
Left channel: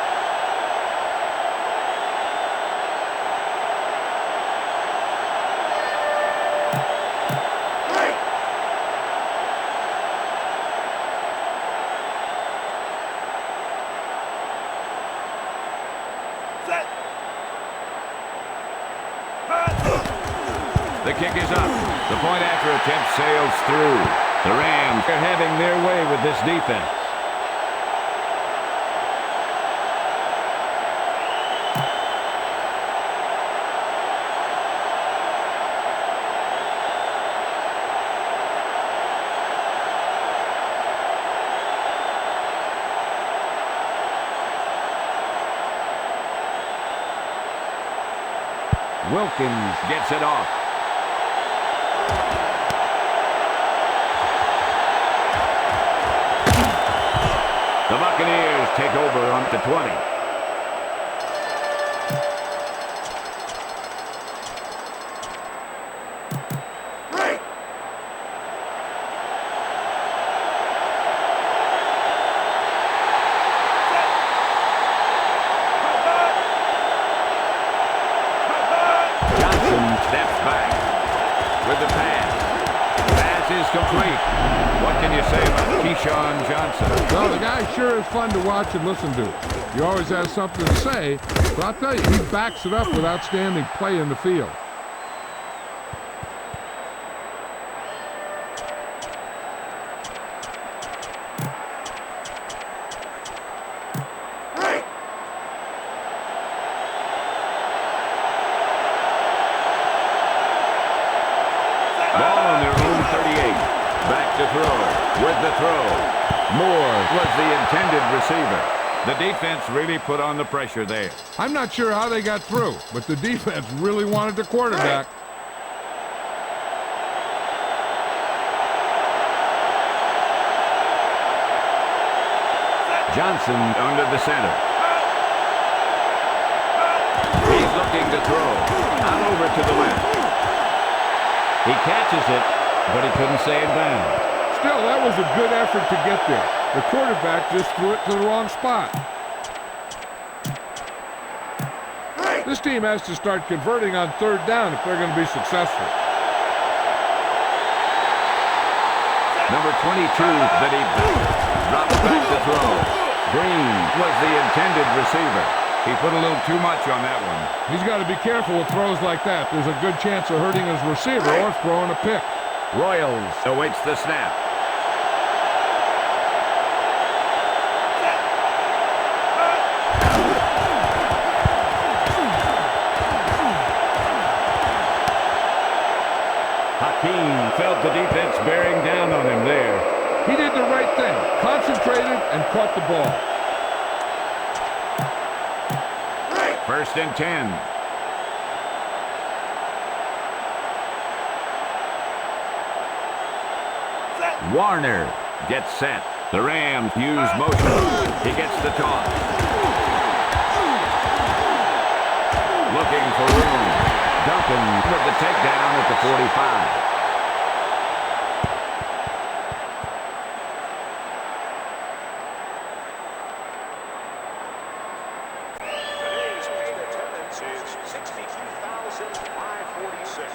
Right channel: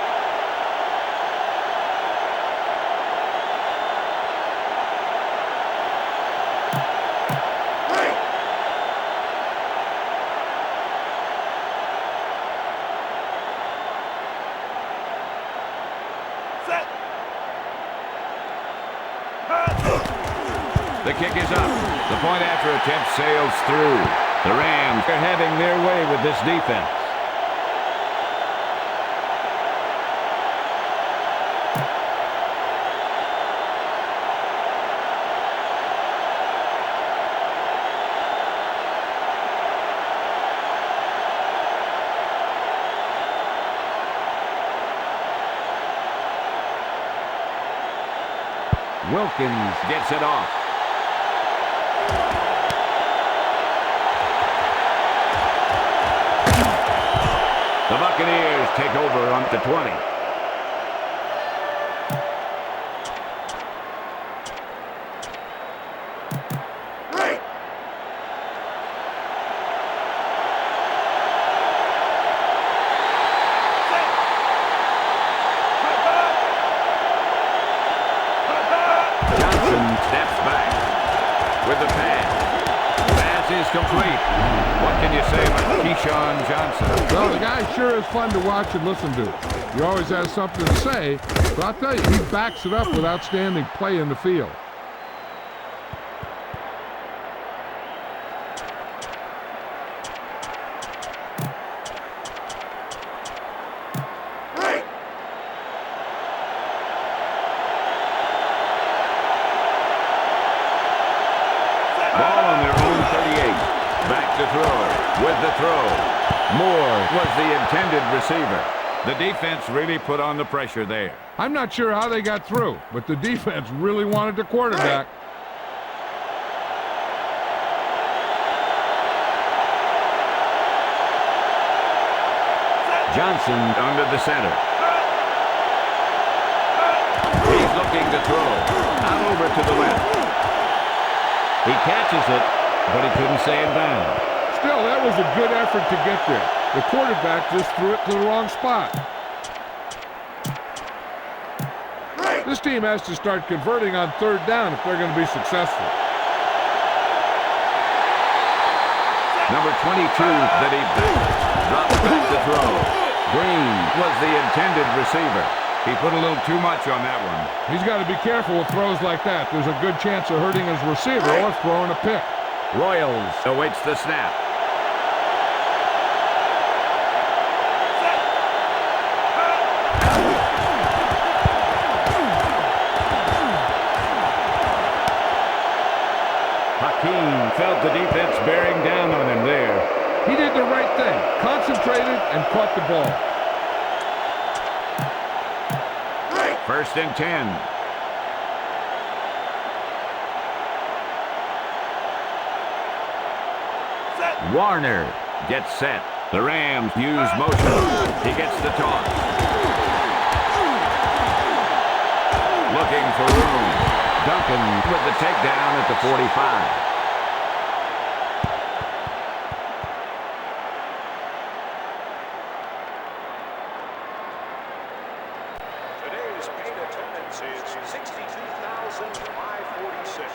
The kick is up. The point after attempt sails through. The Rams are having their way with this defense. Wilkins gets it off. The Buccaneers take over on the 20. Johnson steps back with the pass. Pass is complete. What can you say about Keyshawn Johnson? Well, the guy sure is fun to watch and listen to. He always has something to say, but I'll tell you, he backs it up with outstanding play in the field. Ball on their own 38. Back to throw. With the throw. Moore was the intended receiver. The defense really put on the pressure there. I'm not sure how they got through, but the defense really wanted the quarterback. Johnson under the center. He's looking to throw. Out over to the left. He catches it, but he couldn't stay in bounds. Still, that was a good effort to get there. The quarterback just threw it to the wrong spot. This team has to start converting on third down if they're going to be successful. Number 22, the deep back. Drops back to throw. Green was the intended receiver. He put a little too much on that one. He's got to be careful with throws like that. There's a good chance of hurting his receiver or throwing a pick. Royals awaits the snap. Hakeem felt the defense bearing down on him there. He did the right thing. Concentrated and caught the ball. First and 10. Warner gets set. The Rams use motion. He gets the toss. Looking for room. Duncan with the takedown at the 45. Today's paid attendance is 62,546.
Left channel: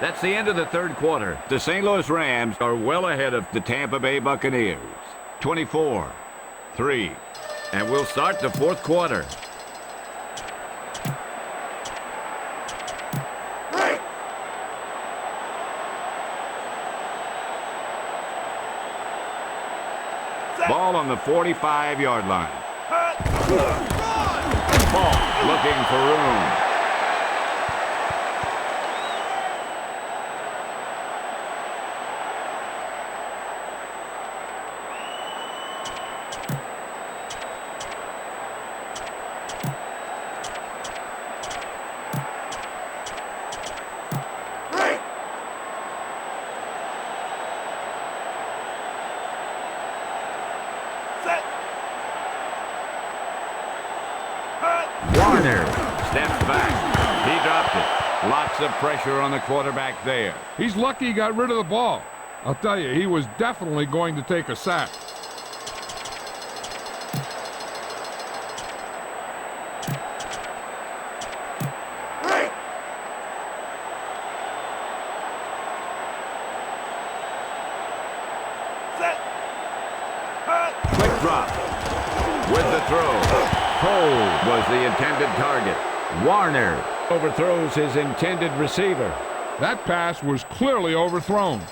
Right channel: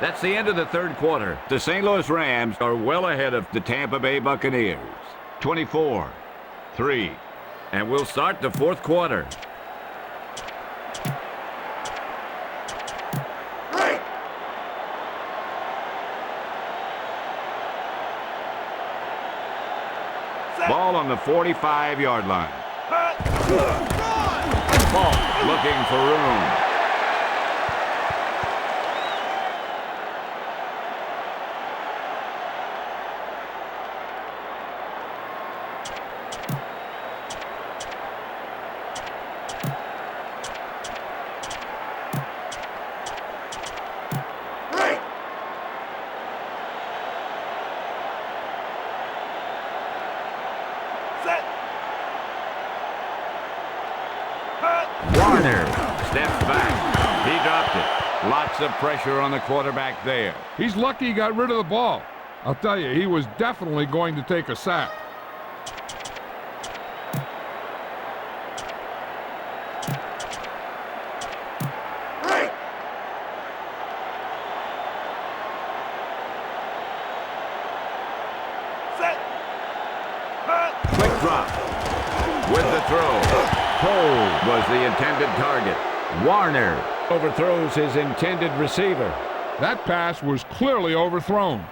That's the end of the third quarter. The St. Louis Rams are well ahead of the Tampa Bay Buccaneers. 24-3. And we'll start the fourth quarter. Ball on the 45-yard line. Ball looking for room. Warner steps back. He dropped it. Lots of pressure on the quarterback there. He's lucky he got rid of the ball. I'll tell you, he was definitely going to take a sack. Quick drop. With the throw. Cole was the intended target. Warner overthrows his intended receiver. That pass was clearly overthrown.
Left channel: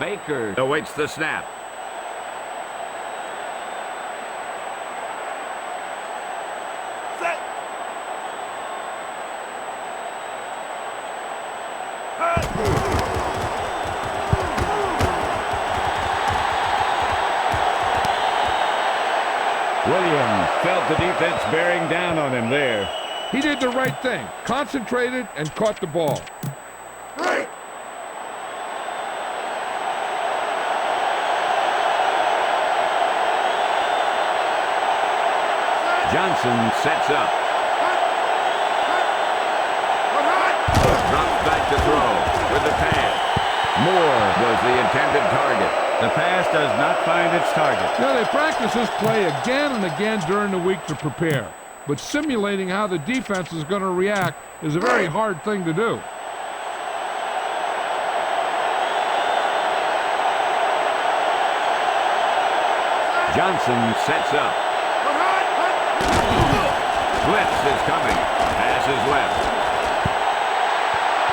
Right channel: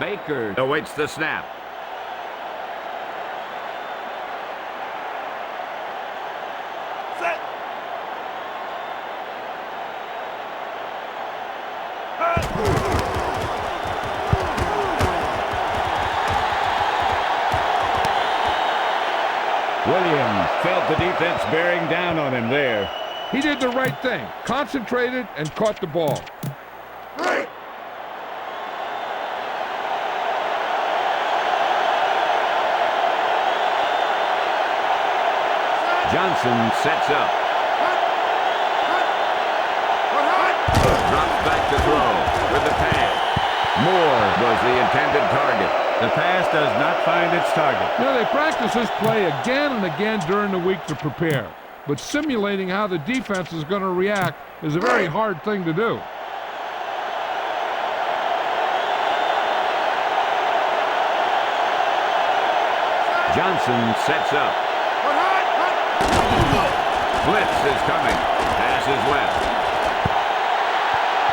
Baker awaits the snap. Williams felt the defense bearing down on him there. He did the right thing. Concentrated and caught the ball. Johnson sets up. Drops back to throw with the pass. Moore was the intended target. The pass does not find its target. You know, they practice this play again and again during the week to prepare. But simulating how the defense is going to react is a very hard thing to do. Johnson sets up. Blitz is coming. Pass is left.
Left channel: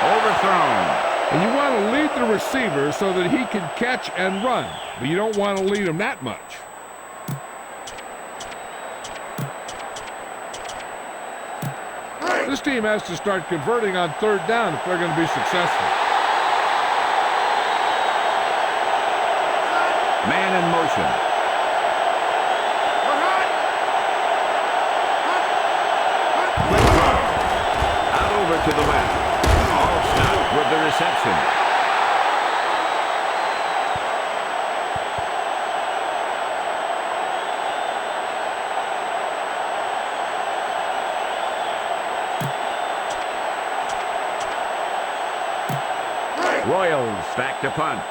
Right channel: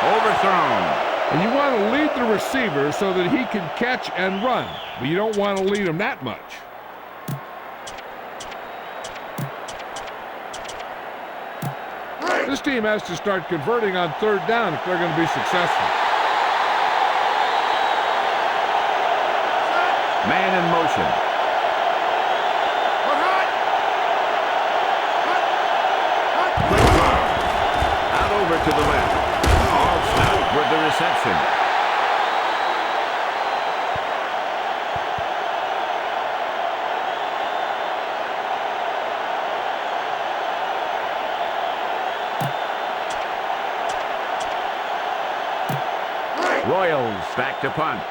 Overthrown. And you want to lead the receiver so that he can catch and run, but you don't want to lead him that much. This team has to start converting on third down if they're going to be successful. Man in motion. Out over to the left. All stopped with the reception. Royals back to punt.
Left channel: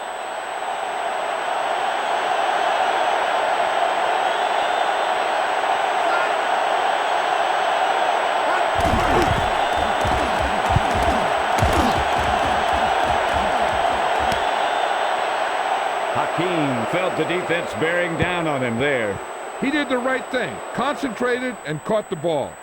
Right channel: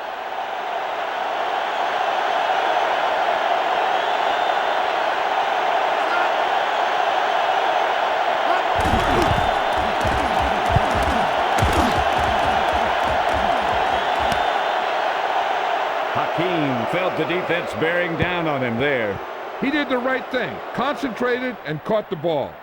Hakeem felt the defense bearing down on him there. He did the right thing, concentrated and caught the ball.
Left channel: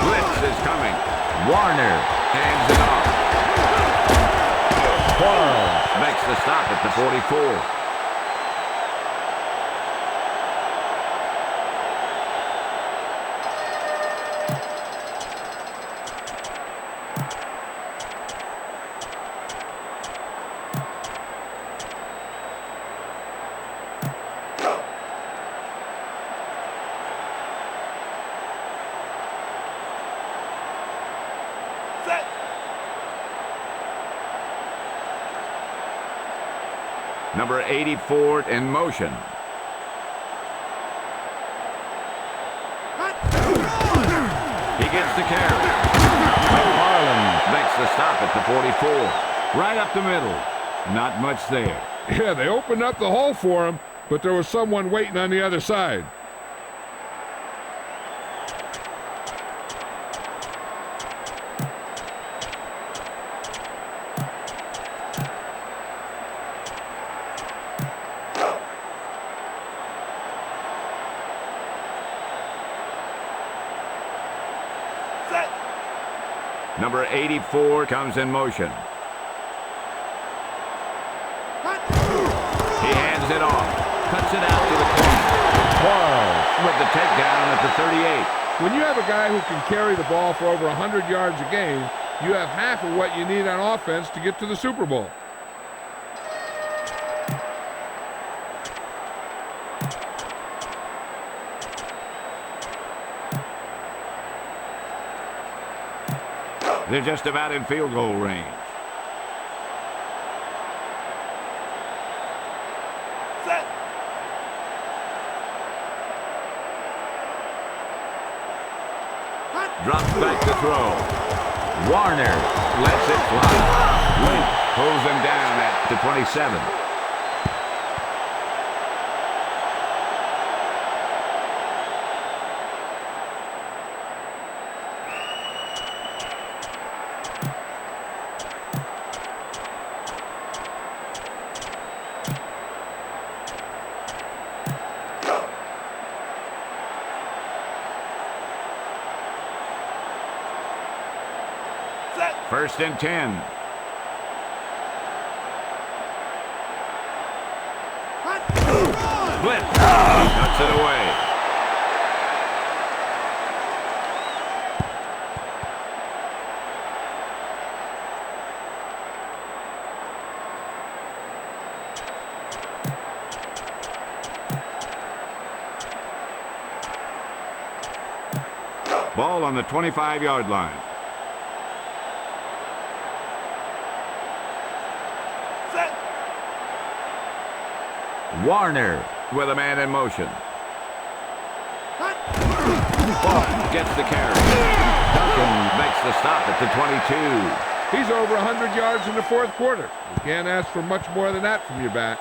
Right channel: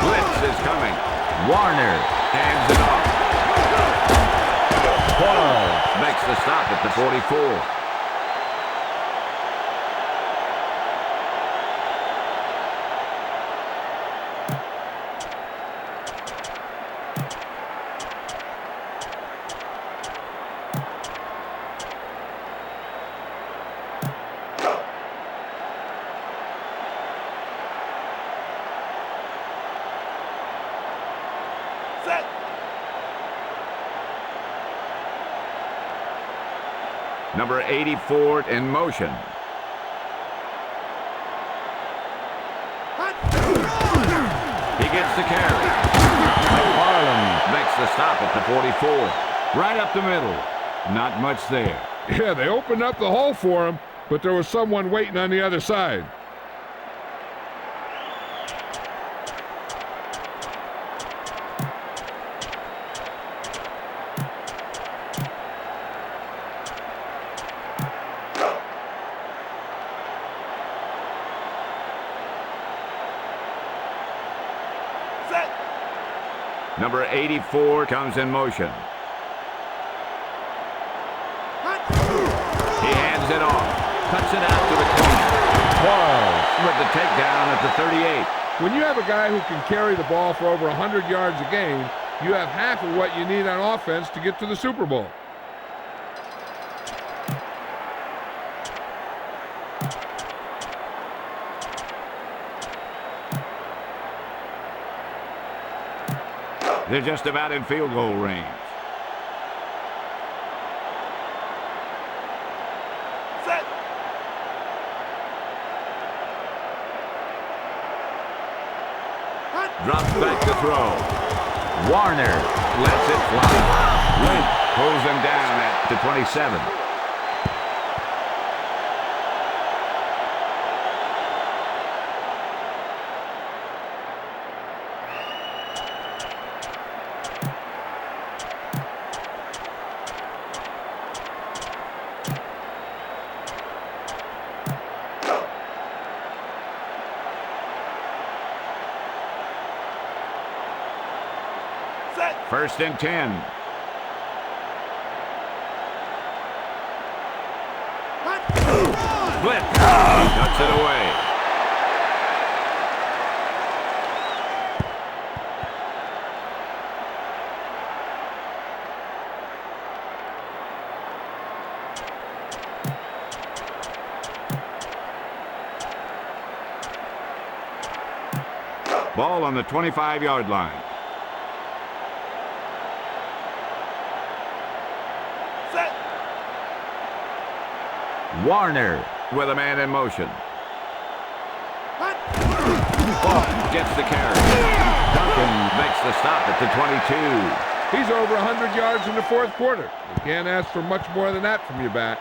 Blitz is coming. Warner hands it off. Quarles makes the stop at the 44. Number 84 in motion. He gets the carry. McFarland makes the stop at the 44. Right up the middle. Not much there. Yeah, they opened up the hole for him, but there was someone waiting on the other side. Number 84 comes in motion. He hands it off. Cuts it out to the corner. Quarles with the takedown at the 38. When you have a guy who can carry the ball for over 100 yards a game, you have half of what you need on offense to get to the Super Bowl. They're just about in field goal range. Set. Drops back to throw. Warner lets it fly. Link pulls him down at the 27. First and 10. Blitz. Cuts it away. Ball on the 25-yard line. Warner with a man in motion. Gets the carry. Duncan makes the stop at the 22. He's over 100 yards in the fourth quarter. You can't ask for much more than that from your back.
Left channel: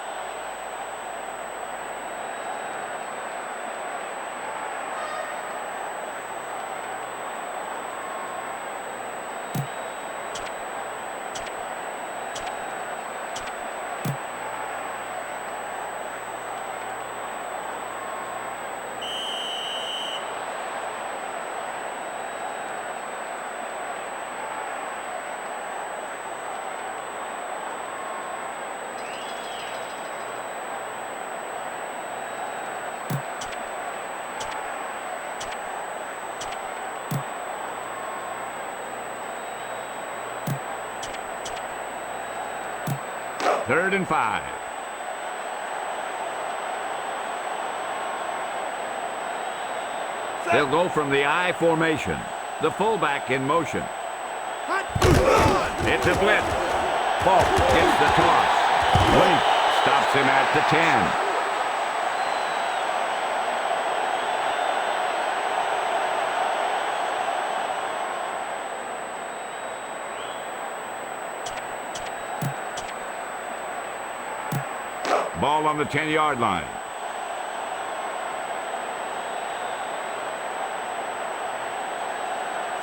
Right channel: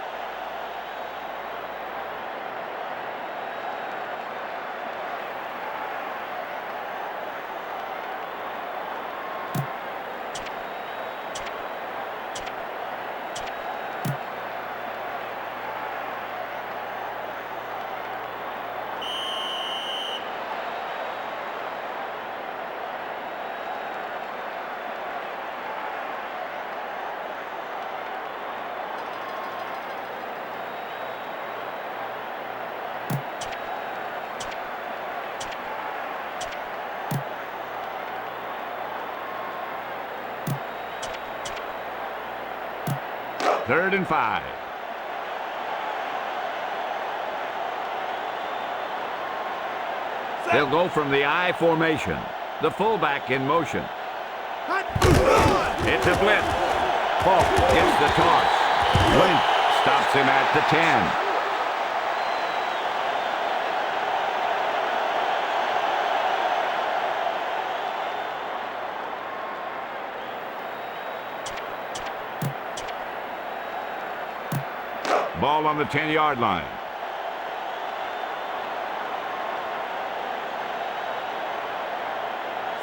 3rd and 5. They'll go from the I formation. The fullback in motion. It's a blitz. Falk gets the toss. Wink stops him at the 10. Ball on the 10-yard line.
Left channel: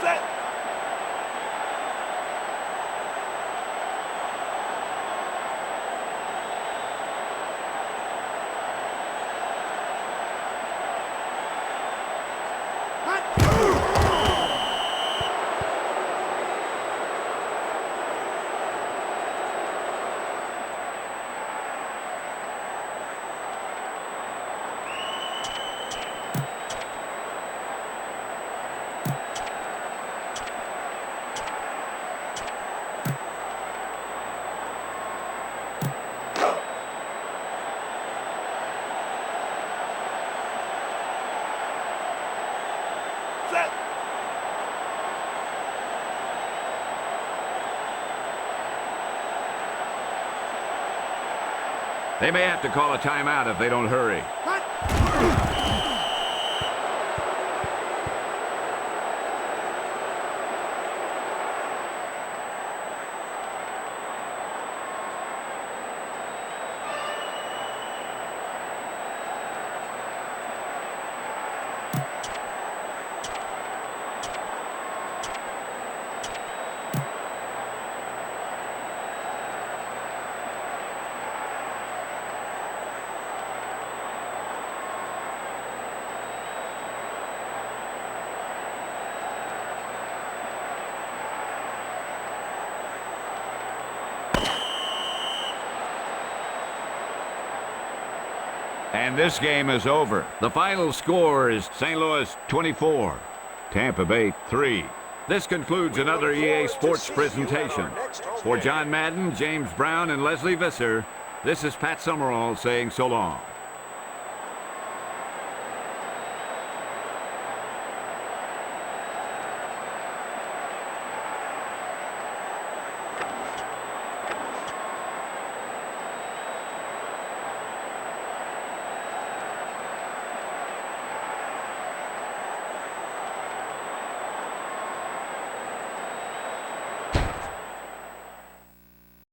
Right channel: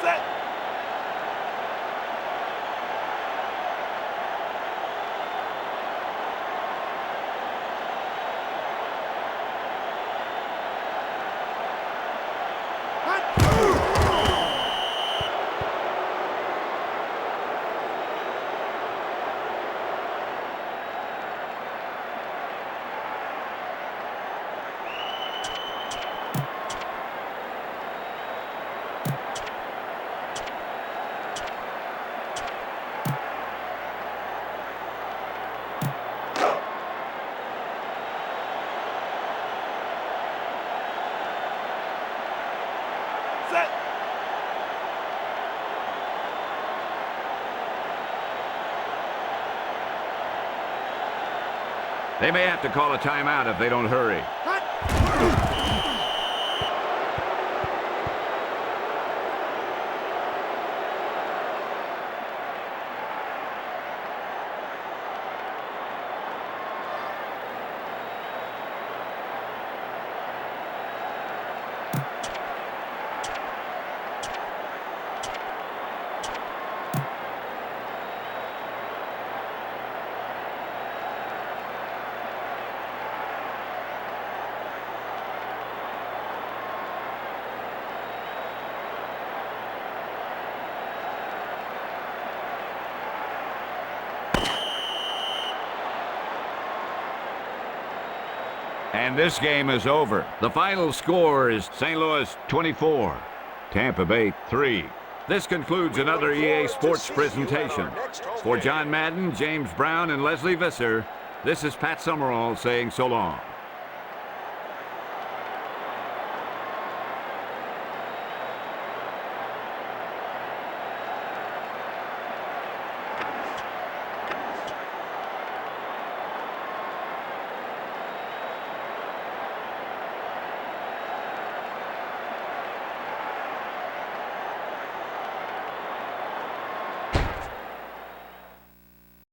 Set. Set. They may have to call a timeout if they don't hurry. And this game is over. The final score is St. Louis 24, Tampa Bay 3. This concludes another EA Sports presentation. For John Madden, James Brown, and Leslie Visser, this is Pat Summerall saying so long.